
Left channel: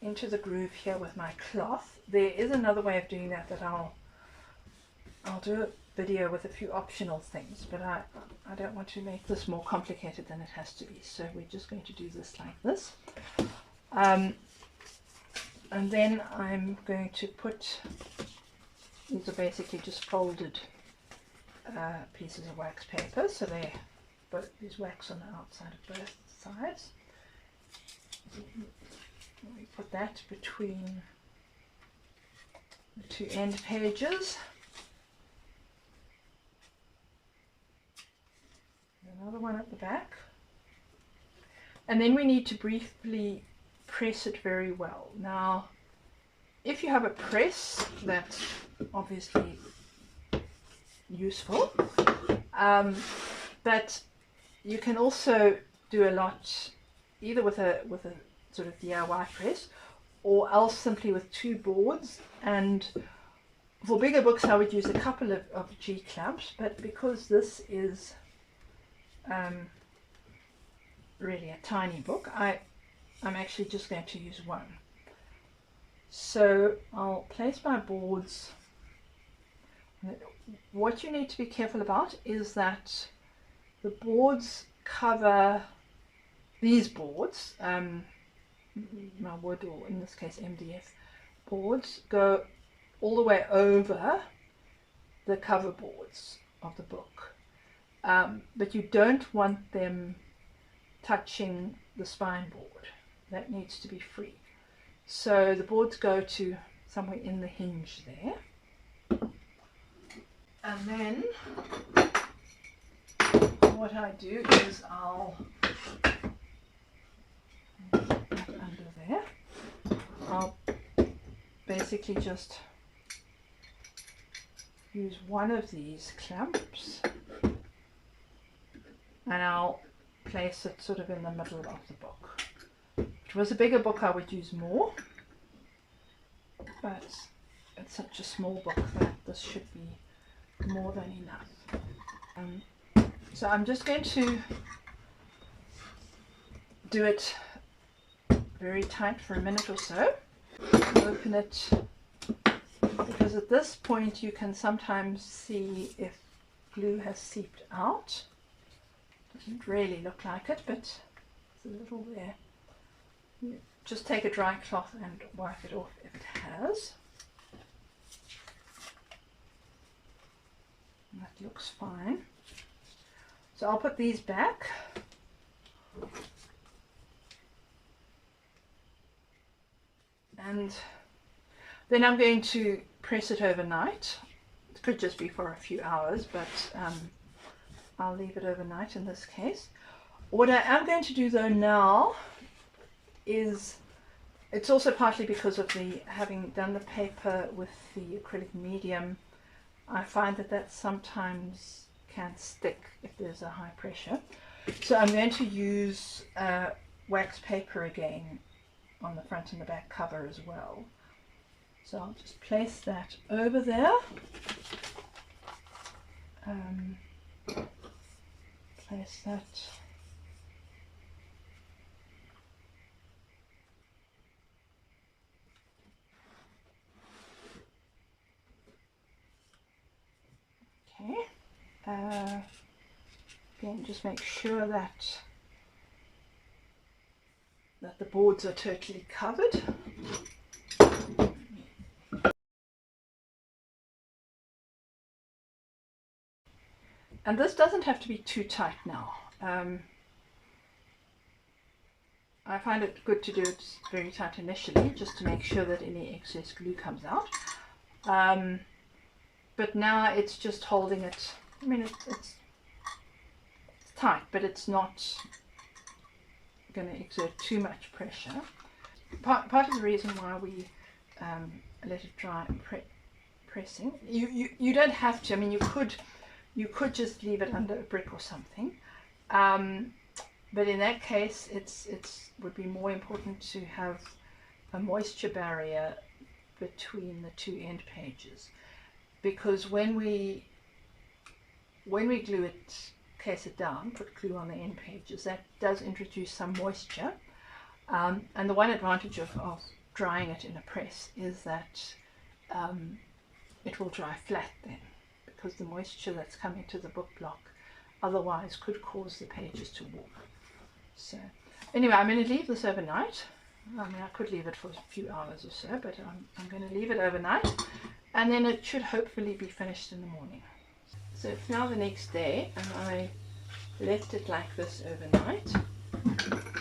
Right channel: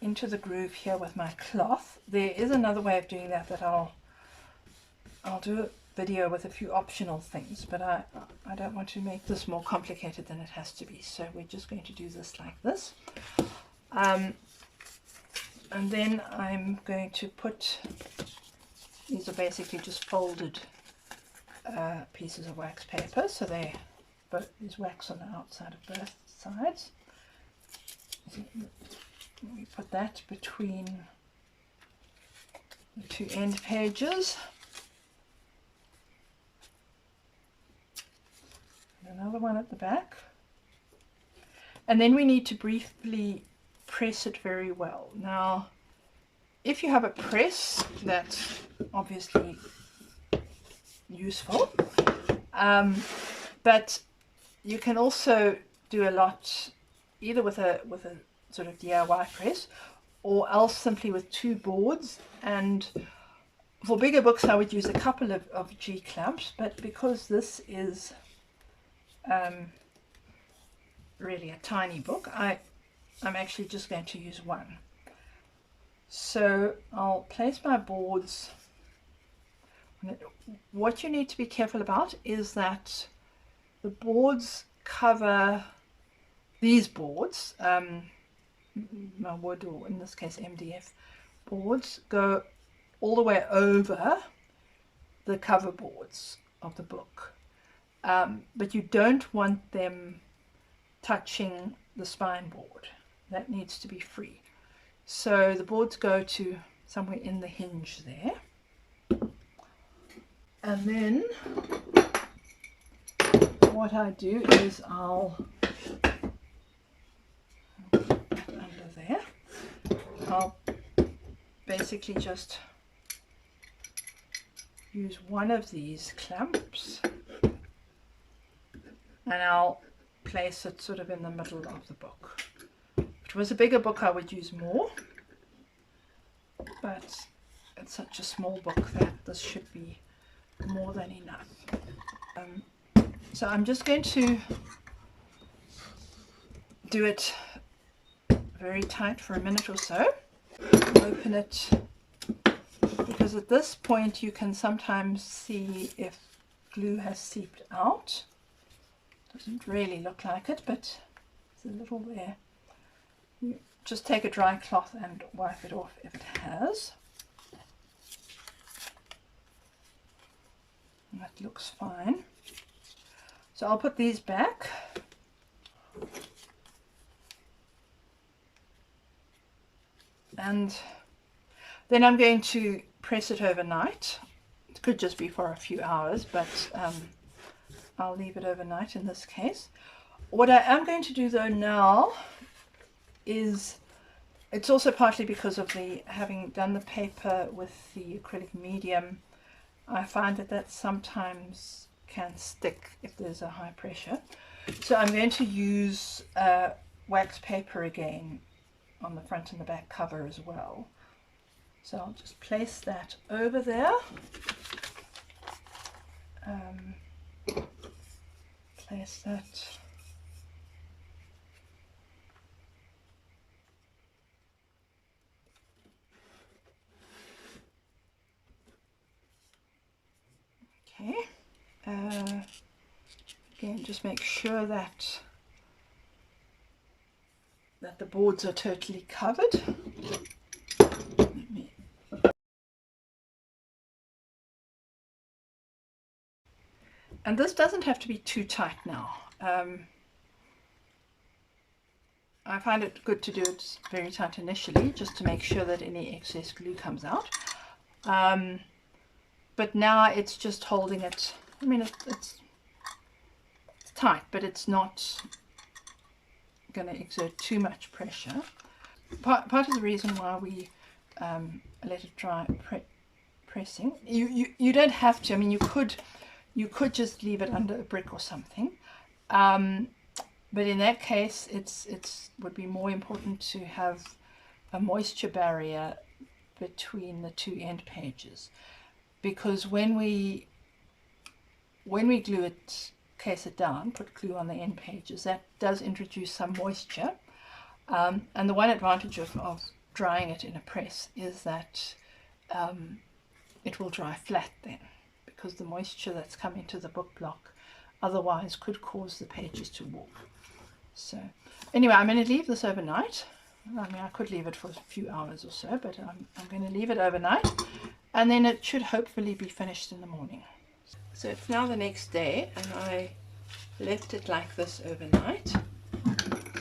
into the groove here with my cloth. There is another way of doing that I'll do a video with a few optional things, but I don't want to make this more complicated than it has to be, so we're just going to do this like this. And then I'm going to put, these are basically just folded pieces of wax paper, so there's wax on the outside of both sides. We put that between the two end pages. And another one at the back. And then we need to briefly press it very well. Now, if you have a press, that's obviously useful, but you can also do a lot either with a sort of DIY press, or else simply with two boards. And for bigger books I would use a couple of G clamps, but because this is really a tiny book, I'm actually just going to use one. So I'll place my boards. What you need to be careful about is that the boards cover, these boards, my wood, or in this case MDF boards, go all the way over the cover boards of the book, but you don't want them touching the spine board. That needs to be free. So the boards go to somewhere in the hinge there. And then what I do is I'll put that under there. I'll basically just use one of these clamps and I'll place it sort of in the middle of the book. If it was a bigger book I would use more, but it's such a small book that this should be more than enough. So I'm just going to do it very tight for a minute or so. Open it, because at this point you can sometimes see if glue has seeped out. Doesn't really look like it, but there's a little there. You just take a dry cloth and wipe it off if it has. And that looks fine. So I'll put these back. And then I'm going to press it overnight. It could just be for a few hours, but I'll leave it overnight in this case. What I am going to do though now is, it's also partly because of the having done the paper with the acrylic medium, I find that sometimes can stick if there's a high pressure. So I'm going to use wax paper again on the front and the back cover as well. So I'll just place that over there. Place that okay. Again, just make sure that the boards are totally covered. And this doesn't have to be too tight now. I find it good to do it very tight initially, just to make sure that any excess glue comes out. But now it's just holding it. I mean, it's tight, but it's not going to exert too much pressure. Part of the reason why we let it dry pressing, you don't have to. I mean, you could just leave it under a brick or something, but in that case it's would be more important to have a moisture barrier between the two end pages, because when we glue it, case it down, put glue on the end pages, that does introduce some moisture, and the one advantage of drying it in a press is that it will dry flat then, because the moisture that's come into the book block otherwise could cause the pages to warp. So anyway, I'm going to leave this overnight. I mean, I could leave it for a few hours or so, but I'm going to leave it overnight, and then it should hopefully be finished in the morning. So it's now the next day, and I left it like this overnight.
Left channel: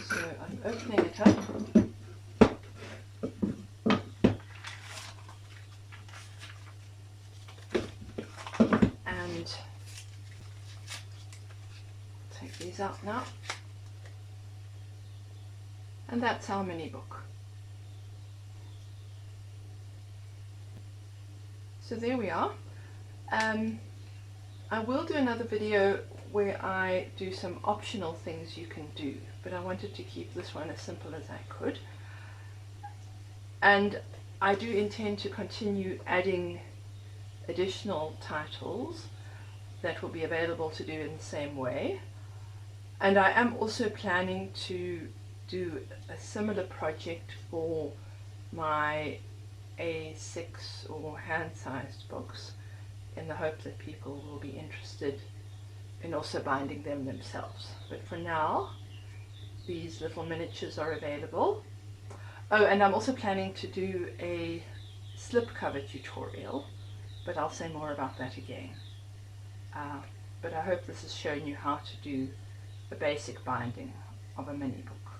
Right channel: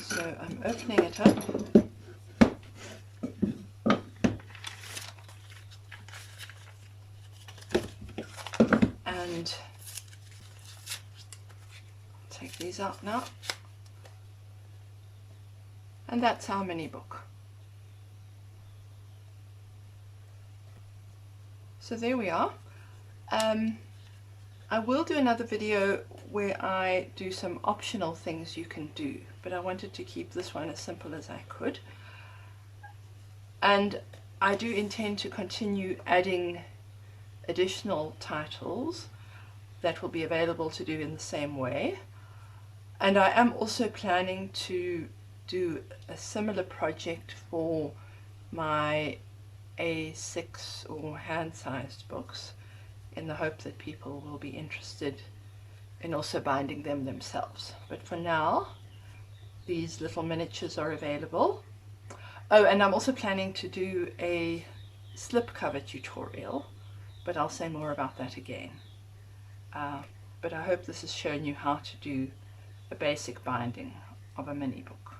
So I'm opening it up. And take these out now. And that's our mini book. So there we are. I will do another video where I do some optional things you can do, but I wanted to keep this one as simple as I could. And I do intend to continue adding additional titles that will be available to do in the same way. And I am also planning to do a similar project for my A6 or hand-sized books, in the hope that people will be interested in also binding them themselves. But for now, these little miniatures are available. Oh, and I'm also planning to do a slipcover tutorial, but I'll say more about that again. But I hope this has shown you how to do a basic binding of a mini book.